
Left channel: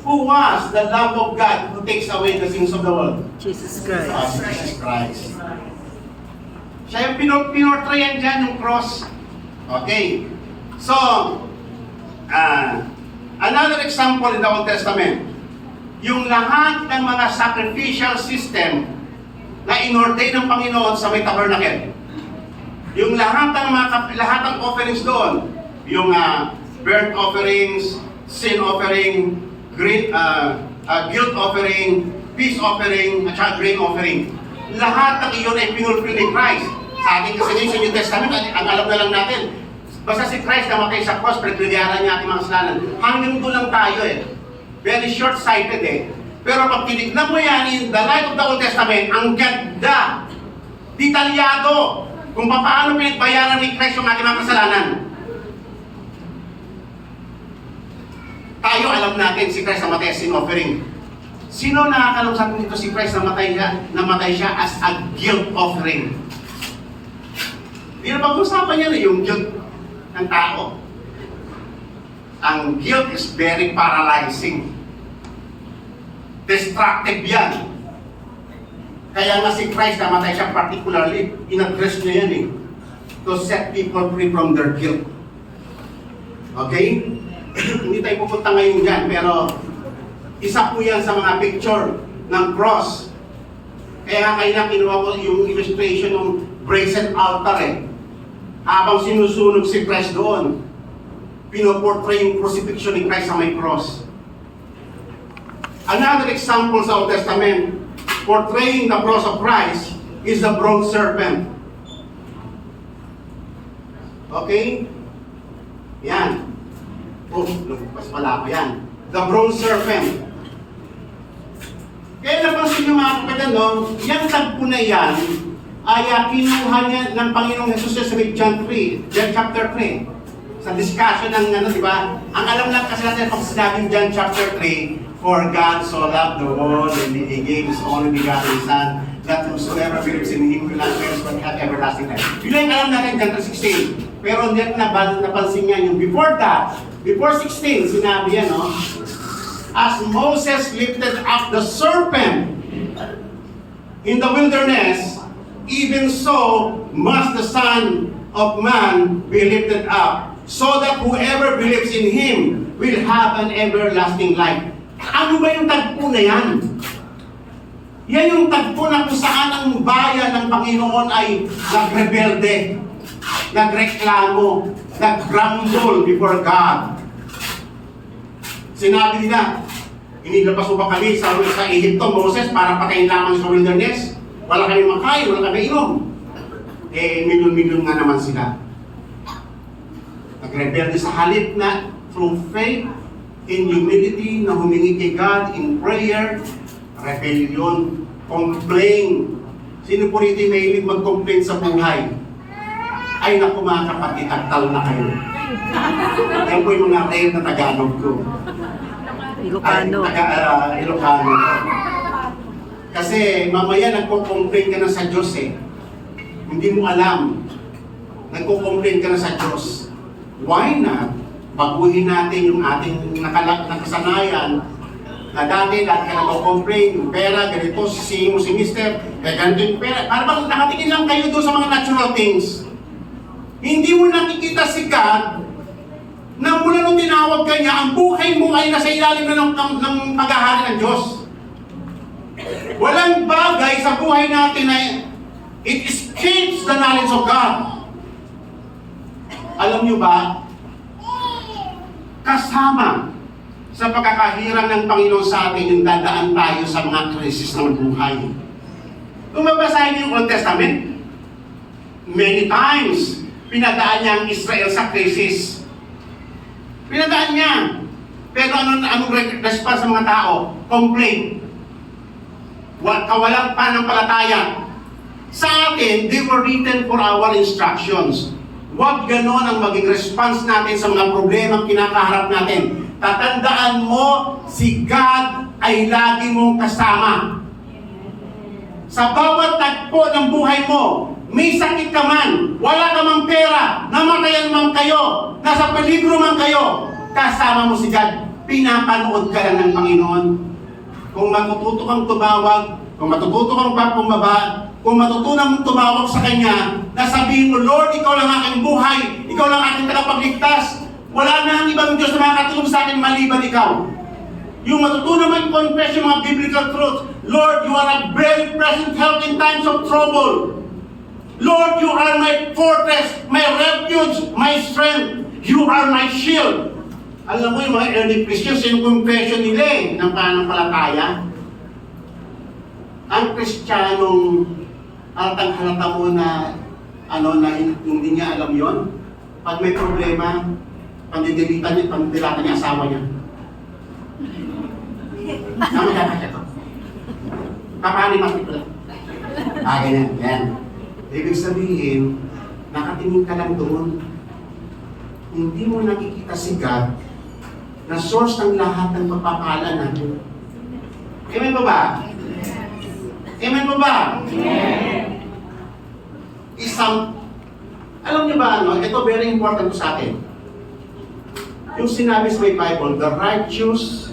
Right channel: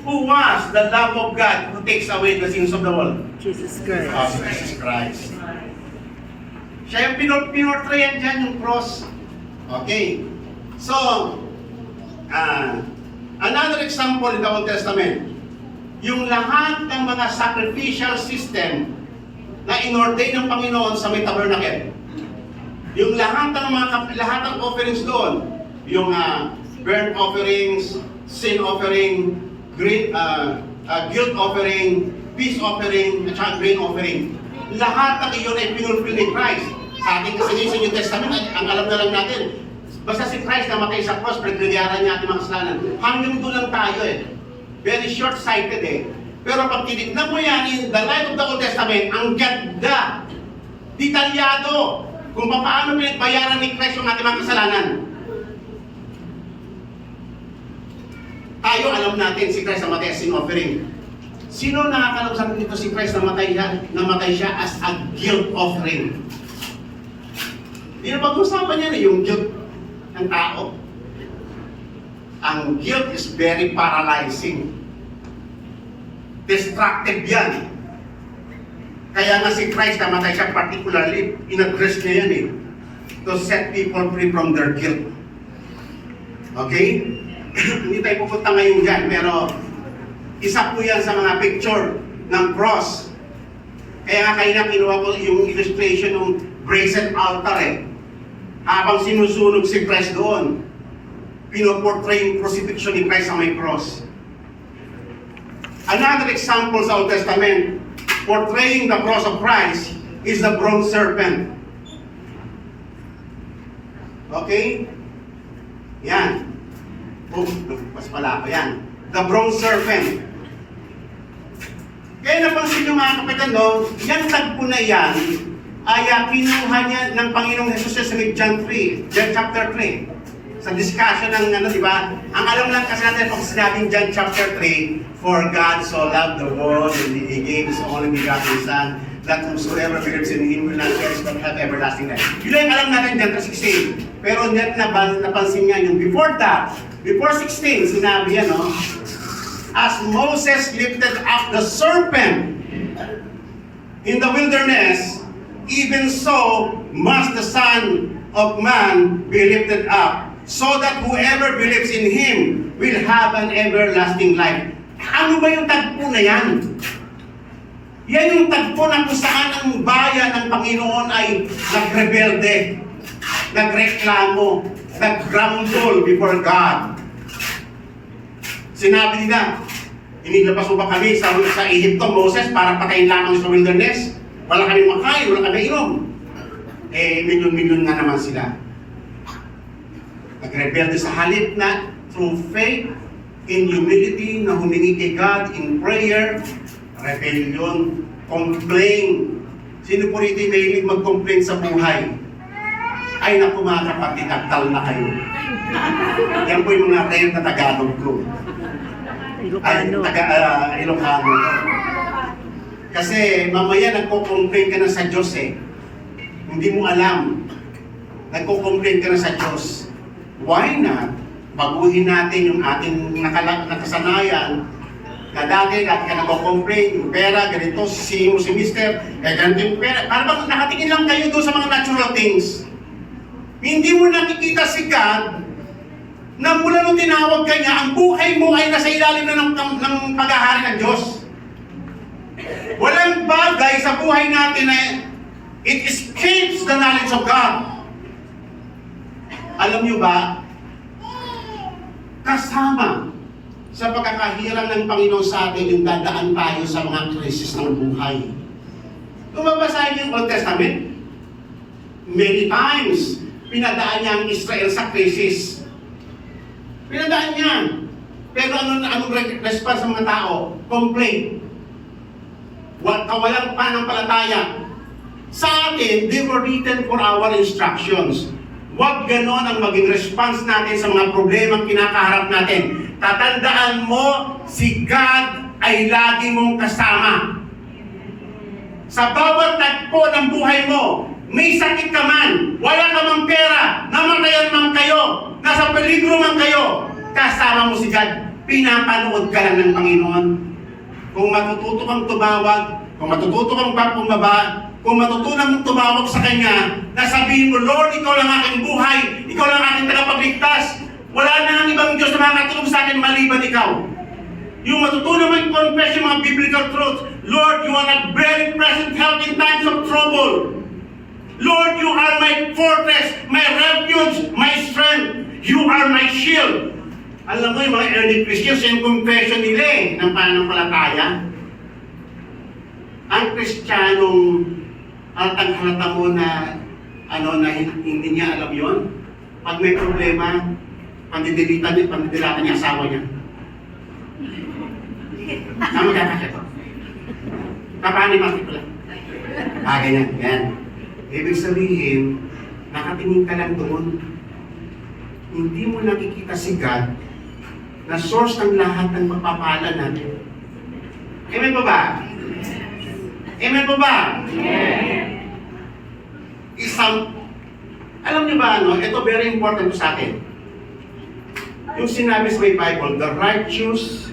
Who was the Lamb of God who takes away the sins of the world? Jesus Christ. Jesus Christ. Siya yung pinortrayan dyan, yung cross. Okay. So, another example in the Old Testament, yung lahat ng mga sacrificial system na inordain ng Panginoon sa may tabernacle. Yung lahat ng offerings doon, yung burnt offerings, sin offering, guilt offering, peace offering, at saka grain offering. Lahat ng iyon ay pinulfill ni Christ. Sa ating kasi sa New Testament, ang alam na lang natin, basta si Christ namatay sa cross, pagkaliyaran niya ating mga kasalanan. Hanggang doon lang tayo eh. Very short-sighted eh. Pero pag tinignan mo yan in the light of the Old Testament, ang ganda, detalyado, kung paano pinagbayaran ni Christ yung ating mga kasalanan. Tayo alam natin si Christ namatay as sin offering. Sino nakakalam sa atin dito si Christ namatay siya as a guilt offering? Pero pag-usapan niya na yung guilt ng tao. Ang guilt is very paralyzing. Destructive yan. Kaya nga si Christ namatay siya particularly, in-address niya yan eh. To set people free from their guilt. Okay? Hindi tayo pupunta ngayon dyan, pero isa po yan sa mga picture ng cross. Kaya nga kayo na kinuha ko yung illustration ng brazen altar eh. Habang sinusunog si Christ doon, pinoportray yung crucifixion ni Christ sa may cross. Another example sa Old Testament, portraying the cross of Christ is the bronze serpent. Okay? Yan. Oh, lumpas pala ako yan. The bronze serpent. Kaya napansin nyo mga kapitan, no? Yan tagpo na yan ay kinuha niya ng Panginoong Jesus sa John 3, John chapter 3. Sa discussion ng ano, di ba? Ang alam lang kasi natin pag sinabing John chapter 3, for God so loved the world and He gave His only begotten Son, that whosoever believes in Him will not perish but have everlasting life. Yun ang alam natin John 3:16. Pero napansin niya yung before that, before 16, sinabi yan, no? As Moses lifted up the serpent in the wilderness, even so must the Son of Man be lifted up, so that whoever believes in Him will have an everlasting life. Ano ba yung tagpo na yan? Yan yung tagpo na kung saan ang bayan ng Panginoon ay nagrebelde, nagreklamo, naggrumble before God. Sinabi nila, inilabas mo ba kami sa Egypto, Moses, para patayin lamang sa wilderness? Wala kami makain, wala kami inom. Eh, milyon-milyon nga naman sila. Nagrebelde sa halip na through faith, in humility, na humingi kay God in prayer, rebellion, complain. Sino po rito yung mahilig mag-complain sa buhay? Ay naku mga kapatid, agtal na kayo. Yan po yung mga rare na Tagalog ko. Ilocano. Ilocano. Kasi mamaya nagko-complain ka na sa Diyos eh. Hindi mo alam. Nagko-complain ka na sa Diyos. Why not? Baguhin natin yung ating nakasanayan na dati ka nagko-complain, yung pera, ganito, sisihin mo si mister, ganito yung pera. Para bang nakatingin lang kayo doon sa mga natural things. Hindi mo nakikita si God na mula nung tinawag ka niya, ang buhay mo ay nasa ilalim na ng paghahari ng Diyos. Walang bagay sa buhay natin na it escapes the knowledge of God. Alam niyo ba, kasama sa pagkakahirang ng Panginoon sa atin yung dadaan tayo sa mga krisis ng buhay. Kung mabasahin niyo yung Old Testament, many times, pinadaan niya ang Israel sa krisis. Pinadaan niya. Pero anong response sa mga tao? Complain. Kawalang pananampalataya. Sa atin, they were written for our instructions. Huwag ganon ang maging response natin sa mga problemang kinakaharap natin. Tatandaan mo, si God ay lagi mong kasama. Sa bawat tagpo ng buhay mo, may sakit ka man, wala ka mang pera, namatayan man kayo, nasa peligro man kayo, kasama mo si God. Pinapanood ka lang ng Panginoon. Kung matututo kang tumawag, kung matututo kang pumaba, kung matutunan mong tumawag sa Kanya, na sabihin mo, Lord, Ikaw lang aking buhay, Ikaw lang aking tagapagligtas, wala na ang ibang Diyos na makakatulong sa akin maliban Ikaw. Yung matutunan mo yung confess yung mga biblical truths, Lord, You are a very present help in times of trouble. Lord, You are my fortress, my refuge, my strength. You are my shield. Alam mo yung mga early Christians, yung confession nila ng pananampalataya. Ang Kristiyanong halata mo na na hindi niya alam yon. Pag may problema, pandidilatan niya asawa niya. Naman dapat ito. Papaani masipula. Ganyan, yan. Ibig sabihin, nakatingin ka lang doon. Hindi mo nakikita si God na source ng lahat ng pagpapala natin. Amen po ba? Amen po ba? Amen. Alam niyo ba ito very important sa atin. Yung sinabi sa may Bible, the righteous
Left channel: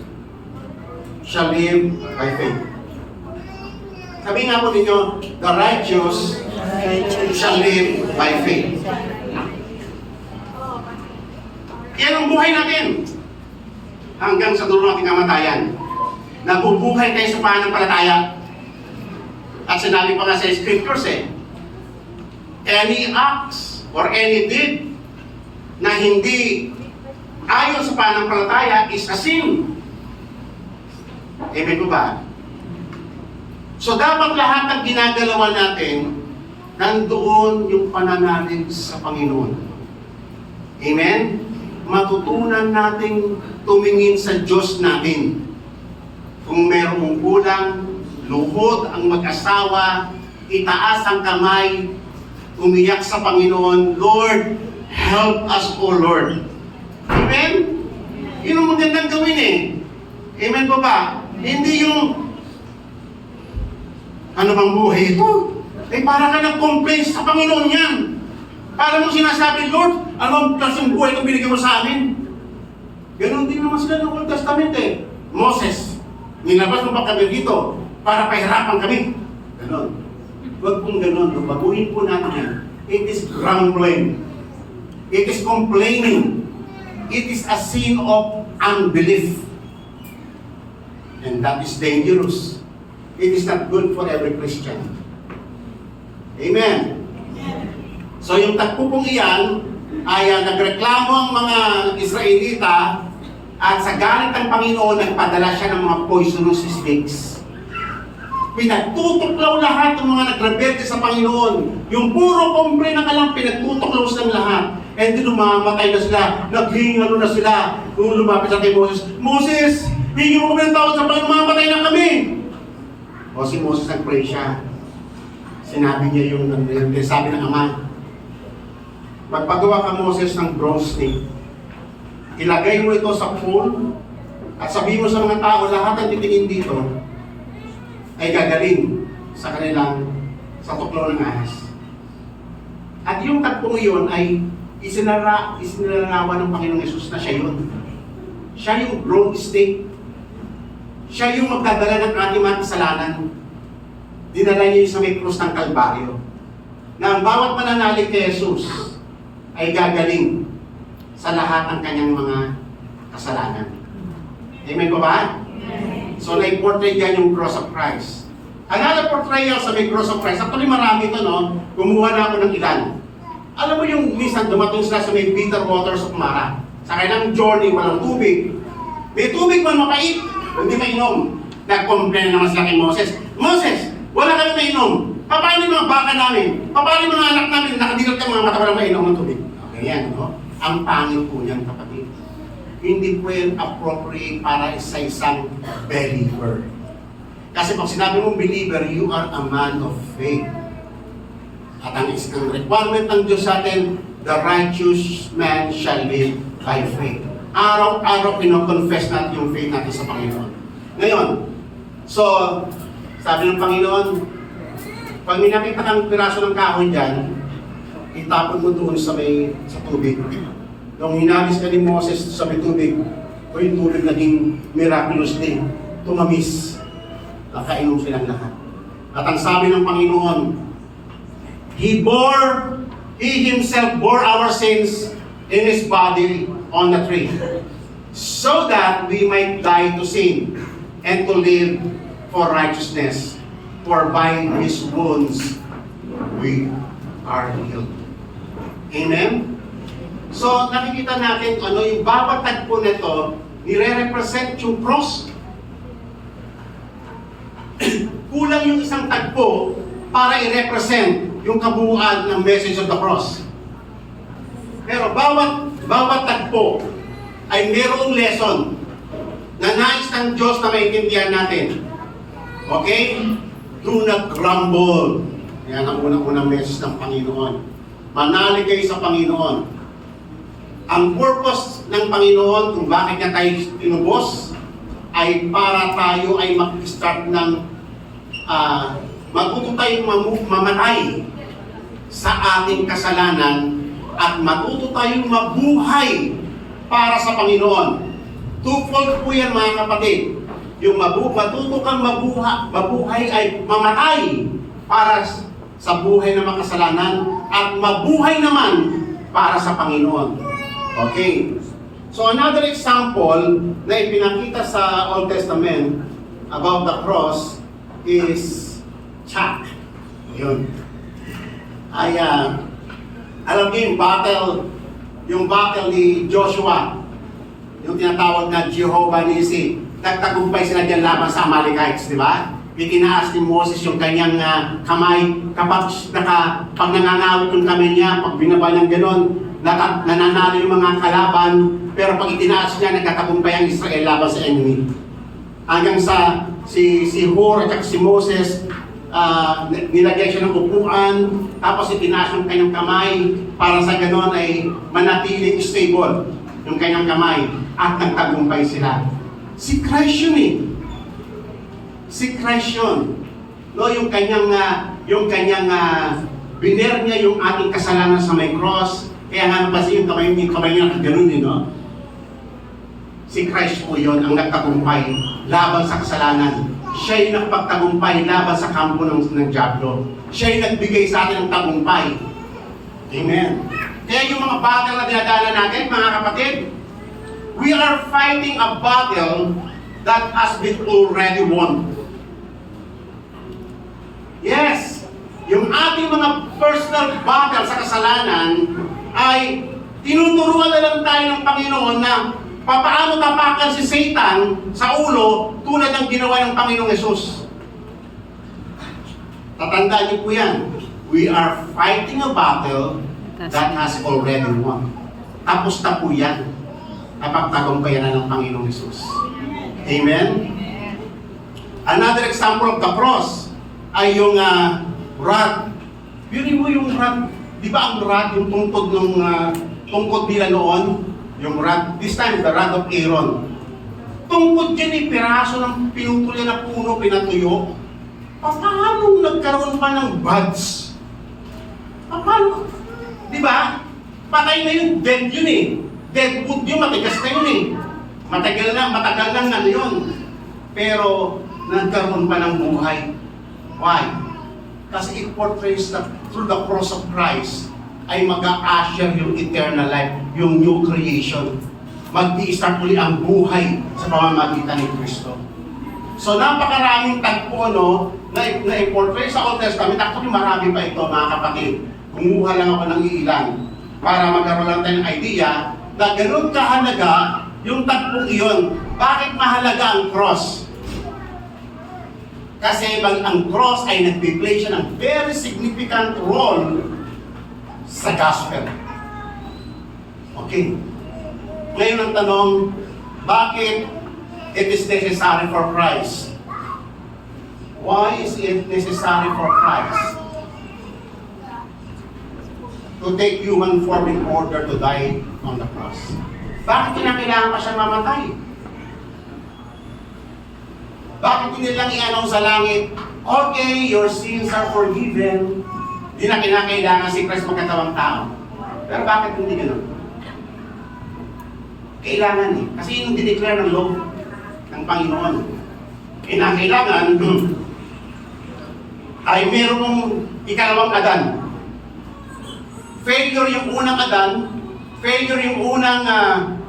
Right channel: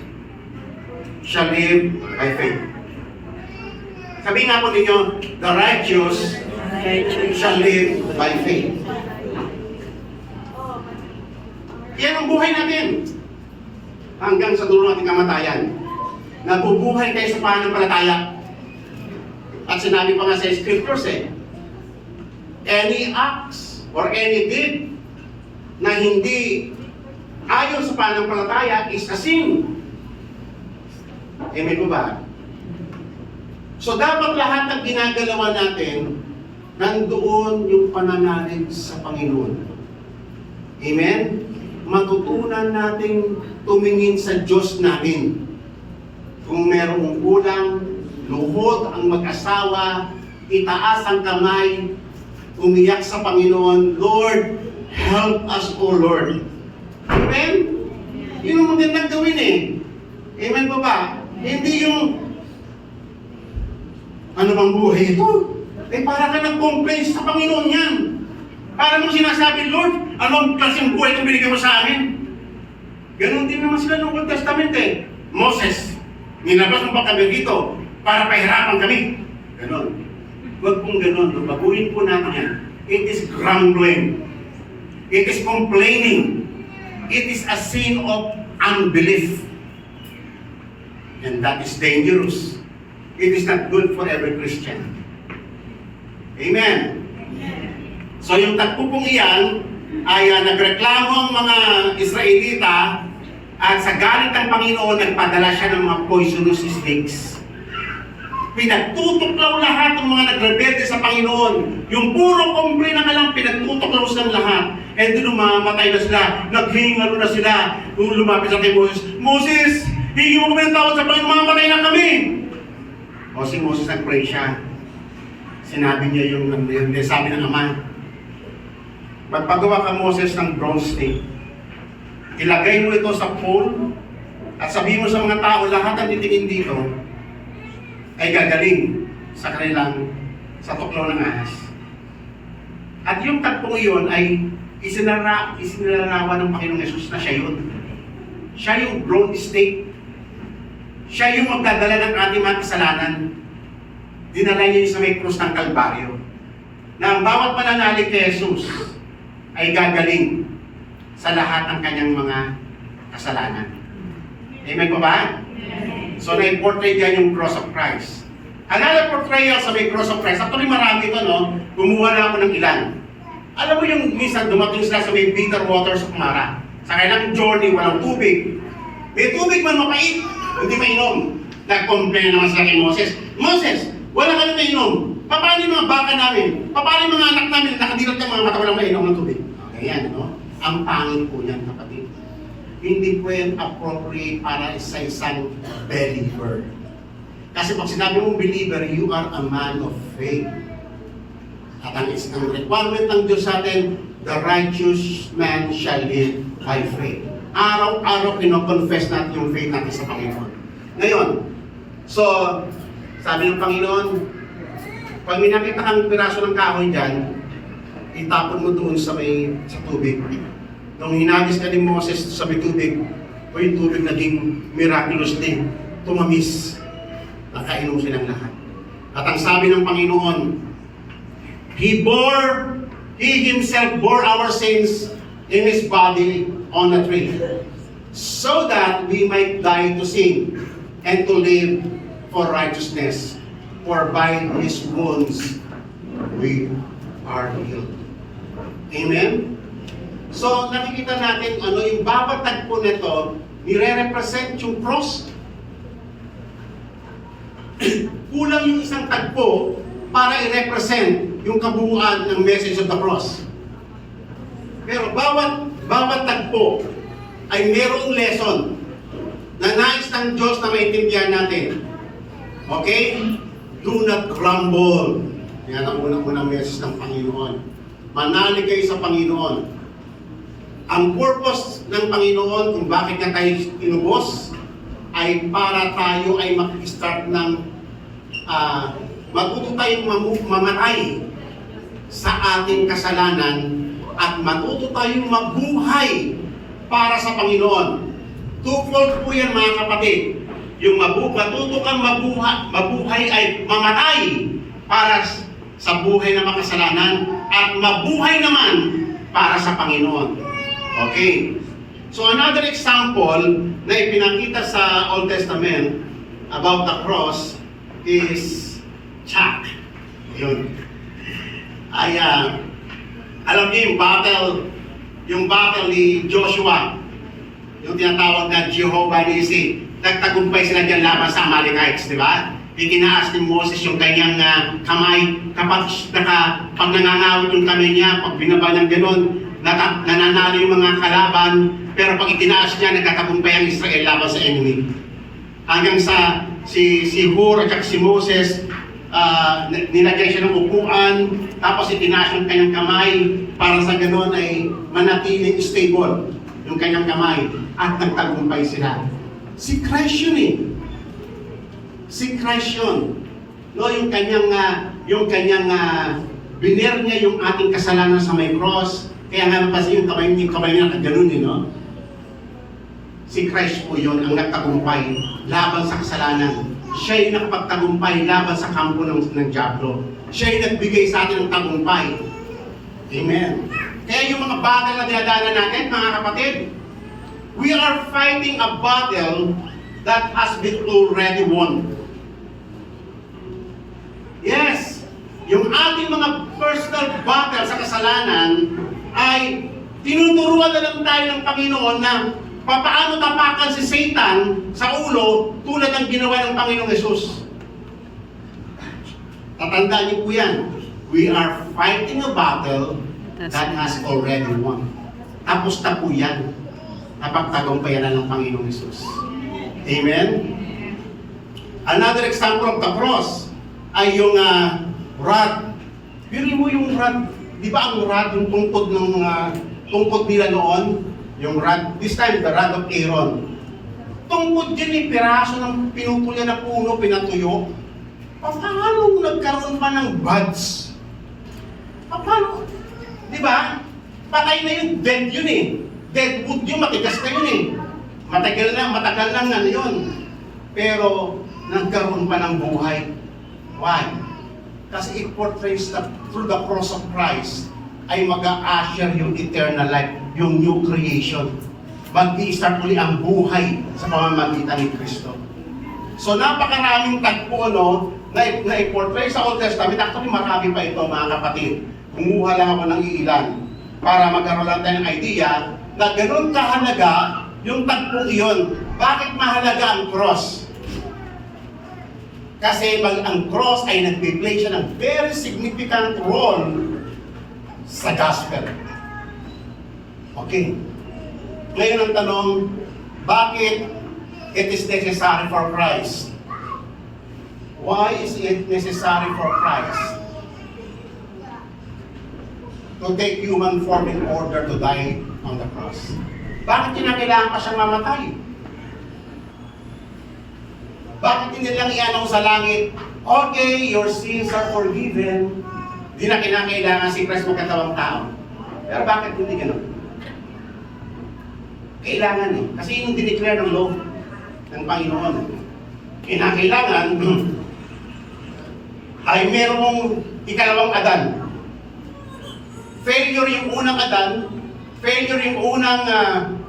shall live by faith. Sabi nga po ninyo, the righteous shall live by faith. Yan ang buhay natin. Hanggang sa dulo nating kamatayan. Nabubuhay tayo sa pananampalataya. At sinabi pa nga sa scriptures any acts or any deed na hindi ayon sa pananampalataya is a sin. Amen po ba? So dapat lahat ng ginagalawan natin, nandoon yung pananalig sa Panginoon. Amen? Matutunan nating tumingin sa Diyos natin. Kung merong kulang, luhod ang mag-asawa, itaas ang kamay, umiyak sa Panginoon, Lord, help us, O Lord. Amen? Yun ang magandang gawin eh. Amen po ba? Hindi yung, ano bang buhay ito? Eh para ka nag-complain sa Panginoon yan. Para mo sinasabi, Lord, ano ang klaseng buhay itong binigay mo sa amin? Ganon din naman sila ng Old Testament eh. Moses, nilabas mo ba kami dito para pahirapan kami? Ganon. Huwag pong ganon. Baguhin po natin yan. It is grumbling. It is complaining. It is a sin of unbelief. And that is dangerous. It is not good for every Christian. Amen. So yung tagpo pong iyan ay nagreklamo ang mga Israelita at sa galit ng Panginoon nagpadala siya ng mga poisonous snakes. Pinagtutuklaw lahat ng mga nagrebelde sa Panginoon. Yung puro complain na lang pinagtutuklaw silang lahat. And doon umamatay na sila, naghingalo na sila. Nung lumapit sa kay Moses, Moses, hingi mo kami ng tawad sa Panginoon, mamatay na kami. O si Moses nag-pray siya. Sinabi niya yung sabi ng Ama, magpagawa ka Moses ng bronze snake. Ilagay mo ito sa pole at sabihin mo sa mga tao, lahat ang titingin dito ay gagaling sa kanilang sa tuklaw ng ahas. At yung tagpong iyon ay isinalarawan ng Panginoong Yesus na siya yun. Siya yung bronze snake. Siya yung magdadala ng ating mga kasalanan. Dinala niya yung sa may krus ng Kalbaryo. Na ang bawat mananalig kay Jesus ay gagaling sa lahat ng kanyang mga kasalanan. Amen po ba? So na-portray dyan yung cross of Christ. Another portrayal sa may cross of Christ, actually marami ito, no? Kumuha na ako ng ilan. Alam mo yung minsan dumating sila sa may bitter waters of Mara. Sa kanilang journey, walang tubig. May tubig man mapait, hindi mainom. Nag-complain naman sila kay Moses, Moses, wala kami mainom. Paano yung mga baka namin? Paano yung mga anak namin? Nakadilat ng mga mata, walang mainom ng tubig. Okay, yan, no? Ang pangit po niyan, kapatid. Hindi po yan appropriate para sa isang believer. Kasi pag sinabi mong believer, you are a man of faith. At ang requirement ng Diyos sa atin, the righteous man shall live by faith. Araw-araw pinoconfess natin yung faith natin sa Panginoon. Ngayon, so, sabi ng Panginoon, pag may nakita kang piraso ng kahoy dyan, itapon mo doon sa tubig. Nung hinagis ka ni Moses sa may tubig, o yung tubig naging miraculous din, tumamis. Nakainom silang lahat. At ang sabi ng Panginoon, He Himself bore our sins in His body on the tree, so that we might die to sin and to live for righteousness. For by His wounds we are healed. Amen? So, nakikita natin ano yung bawat tagpo nito, nire-represent yung cross. Kulang yung isang tagpo para i-represent yung kabuuan ng message of the cross. Pero bawat tagpo ay mayroong lesson na nais ng Diyos na maintindihan natin. Okay? Do not grumble. Yan ang unang message ng Panginoon. Manalig kayo sa Panginoon. Ang purpose ng Panginoon kung bakit niya tayo tinubos ay para tayo ay mag-start ng matuto tayong mamatay sa ating kasalanan at matuto tayong mabuhay para sa Panginoon. Twofold po yan mga kapatid. Yung matuto kang mabuhay ay mamatay para sa buhay ng makasalanan at mabuhay naman para sa Panginoon. Okay. So another example na ipinakita sa Old Testament about the cross is Chak. Yun. Ay, alam niyo yung battle ni Joshua, yung tinatawag na Jehovah Nissi. Nagtagumpay sila dyan laban sa Amalekites, di ba? Itinaas ni Moses yung kanyang kamay. Pag nangangawit yung kamay niya, pag binaba niyang gano'n, nananalo yung mga kalaban, pero pag itinaas niya, nagkatagumpay ang Israel laban sa enemy. Hanggang sa si Hur at si Moses, nilagay siya ng upuan, tapos itinaas yung kanyang kamay para sa ganon ay manatiling stable yung kanyang kamay at nagtagumpay sila. Si Christ yun eh. Si Christ yun. No, yung kanyang biner niya yung ating kasalanan sa may cross. Kaya nga napasi yung kamay niya na ganun yun, no? Si Christ po yun ang nagtagumpay laban sa kasalanan. Siya yung nakapagtagumpay laban sa kampo ng diablo. Siya yung nagbigay sa atin ng tagumpay. Amen. Kaya yung mga battle na dinadaanan natin, mga kapatid, we are fighting a battle that has been already won. Yes, yung ating mga personal battle sa kasalanan ay tinuturuan na lang tayo ng Panginoon na papaano tapakan si Satan sa ulo tulad ng ginawa ng Panginoong Yesus. Tatandaan niyo po yan. We are fighting a battle that has already won. Tapos na po yan. Napagtagumpayan na ng Panginoong Yesus. Amen? Another example of the cross ay yung rod. Bili mo yung rod. Di ba ang rod, yung tungkod nila noon? Yung rod, this time the rod of Aaron. Tungkod dyan eh, piraso ng pinupuli na puno, pinatuyo. Paano nagkaroon pa ng buds? Paano? Di ba? Patay na yun, dead yun eh. Dead wood yun, matigas na yun eh. Matagal na yun. Pero nagkaroon pa ng buhay. Why? Kasi it portrays that through the cross of Christ ay mag-a-usher yung eternal life, yung new creation. Mag-i-start muli ang buhay sa pamamagitan ni Kristo. So napakaraming tagpo na i-portray sa Old Testament. Actually marami pa ito, mga kapatid. Kumuha lang ako ng iilan para magkaroon lang tayo ng idea na ganun kahalaga yung tagpong iyon. Bakit mahalaga ang cross? Kasi ang cross ay nag-play siya ng very significant role sa gospel. Okay. Ngayon ang tanong, bakit it is necessary for Christ? Why is it necessary for Christ to take human form in order to die on the cross? Bakit kinakailangan pa siya mamatay? Bakit hindi lang ianong sa langit, okay, your sins are forgiven, hindi na kinakailangan si Christ magkatawang tao. Pero bakit hindi gano'n? Kailangan eh. Kasi yung dineclare ng law ng Panginoon. Kinakailangan ay merong ikalawang Adan. Failure yung unang Adan, failure yung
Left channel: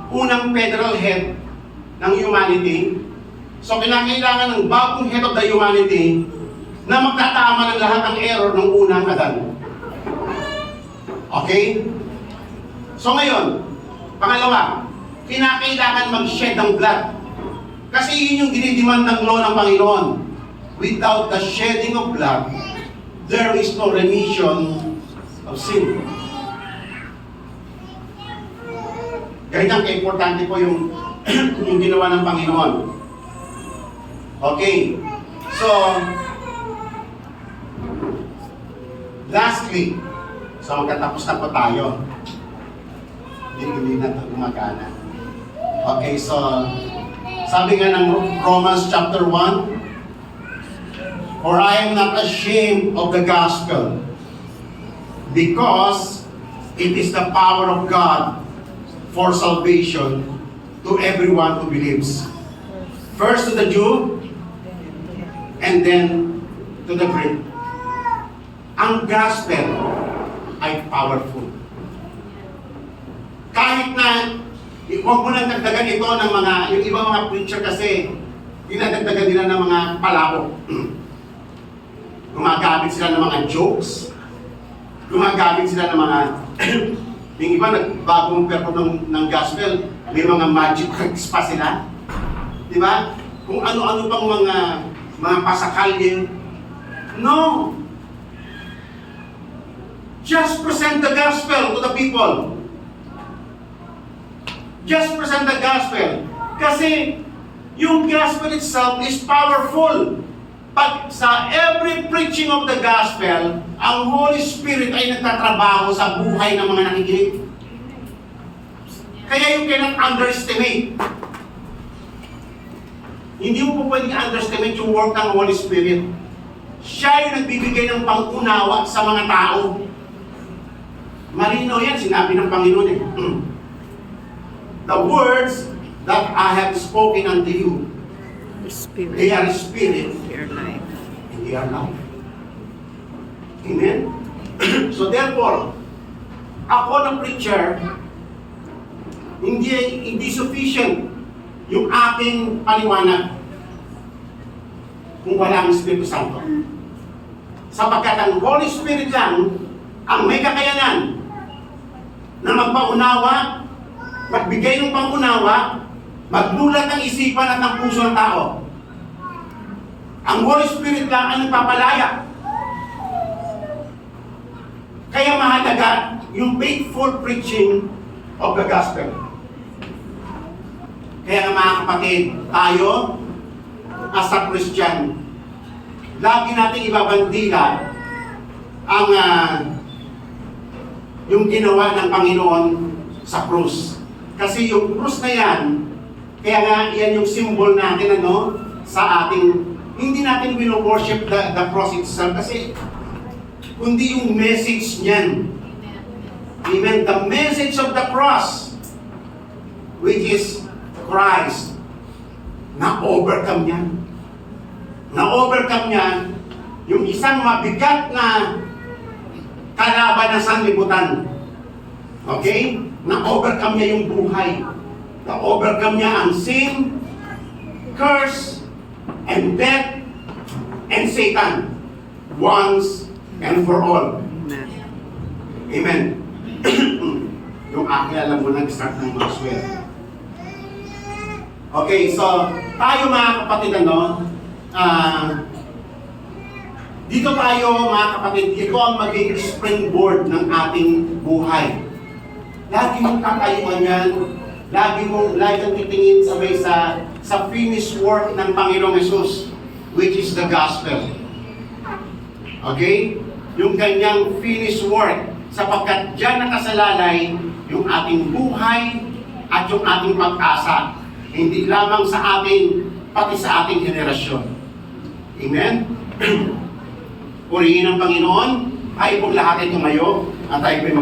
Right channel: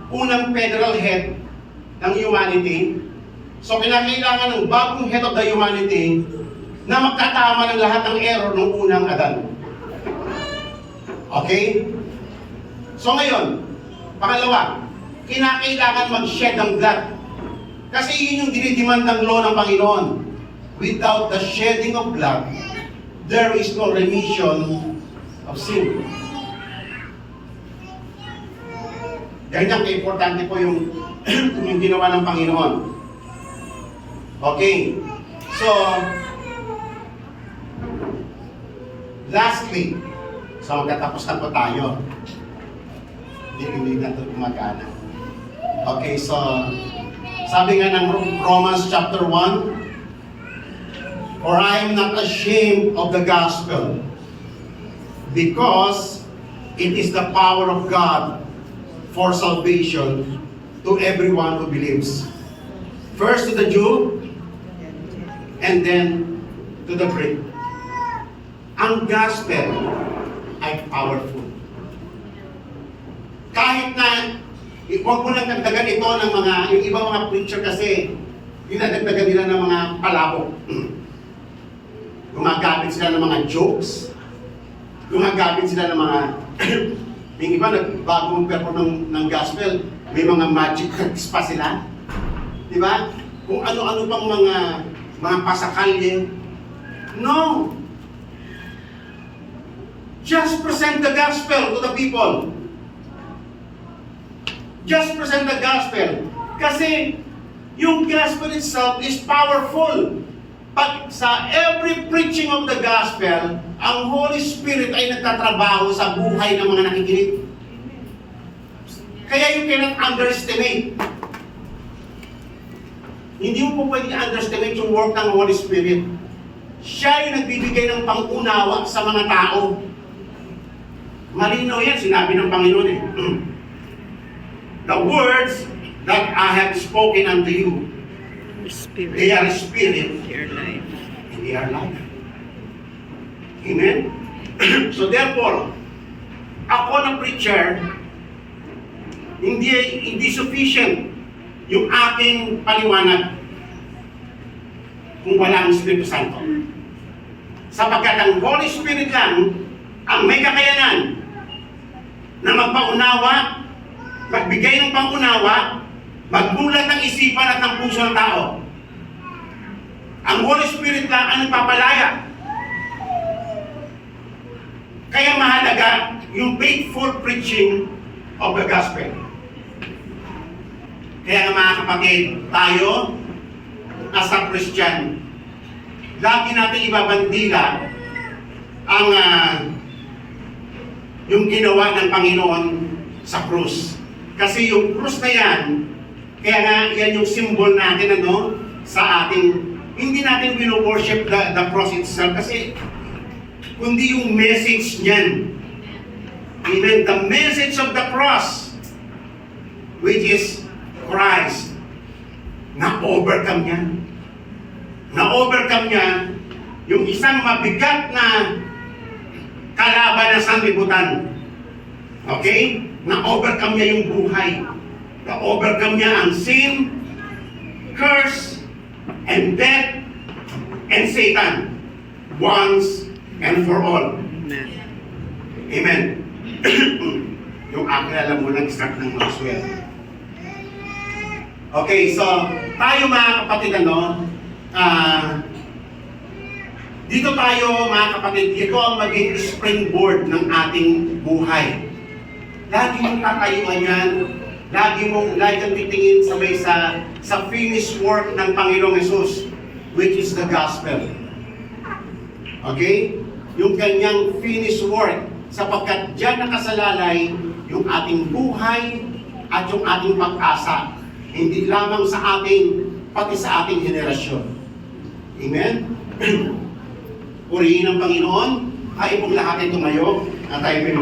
unang federal head ng humanity. So kinakailangan ng bagong head of the humanity na magtatama ng lahat ng error ng unang Adan. Okay? So ngayon, pangalawa, kinakailangan mag-shed ng blood. Kasi yun yung dinidemand ng law ng Panginoon. Without the shedding of blood, there is no remission of sin. Ganyan ka-importante po yung ginawa ng Panginoon. Okay. So, lastly, so magtatapos na po tayo. Hindi na ito gumagana. Okay, so sabi nga ng Romans chapter 1, for I am not ashamed of the gospel, because it is the power of God for salvation to everyone who believes. First to the Jew, and then to the Greek. Ang gospel ay powerful. Kahit na, huwag mo nang dagdagan ito ng yung ibang mga preacher kasi, dinadagdagan nila ng mga palabok. Gumagamit sila ng mga jokes, gumagamit sila ng mga, yung iba nagbagong perform ng gospel, may mga magic tricks pa sila. Di ba? Kung ano-ano pang mga pasakalye. No! Just present the gospel to the people. Just present the gospel. Kasi yung gospel itself is powerful. Pag sa every preaching of the gospel, ang Holy Spirit ay nagtatrabaho sa buhay ng mga nakikinig. Kaya you cannot underestimate. Hindi mo po pwede underestimate yung work ng Holy Spirit. Siya yung nagbibigay ng pang-unawa sa mga tao. Malinaw yan, sinabi ng Panginoon eh. The words that I have spoken unto you, The Spirit. they are spirit Your life. and they are life. Amen? So therefore, ako ng preacher, hindi sufficient yung aking paliwanag kung wala ang Espiritu Santo. Sapagkat ang Holy Spirit lang ang may kakayanan na magpaunawa, magbigay ng pangunawa, magbulat ng isipan at ng puso ng tao. Ang Holy Spirit lang ang nagpapalaya. Kaya mahalaga yung faithful preaching of the gospel. Kaya mga kapatid, tayo as a Christian, lagi natin ibabandila ang yung ginawa ng Panginoon sa krus. Kasi yung krus na yan, kaya nga yan yung symbol natin sa ating, hindi natin wino-worship the cross itself kasi kundi yung message niyan. Amen. The message of the cross, which is Christ, na-overcome niya. Na-overcome niya yung isang mabigat na kalaban ng sanlibutan. Okay? Na-overcome niya yung buhay. Na-overcome niya ang sin, curse, and death, and Satan. Once and for all. Amen. Amen. Yung aking alam mo lang start ng mga swear. Okay, so tayo mga kapatid, dito tayo mga kapatid, ito ang maging springboard ng ating buhay. Lagi mong kakayuan yan, lagi kang titingin sa finished work ng Panginoong Jesus, which is the gospel. Okay? Yung kanyang finished work, sapagkat dyan nakasalalay yung ating buhay at yung ating pag-asa. Hindi lamang sa ating, pati sa ating henerasyon. Amen? Purihin ang Panginoon, tayo pong lahat ay tumayo, at tayo ay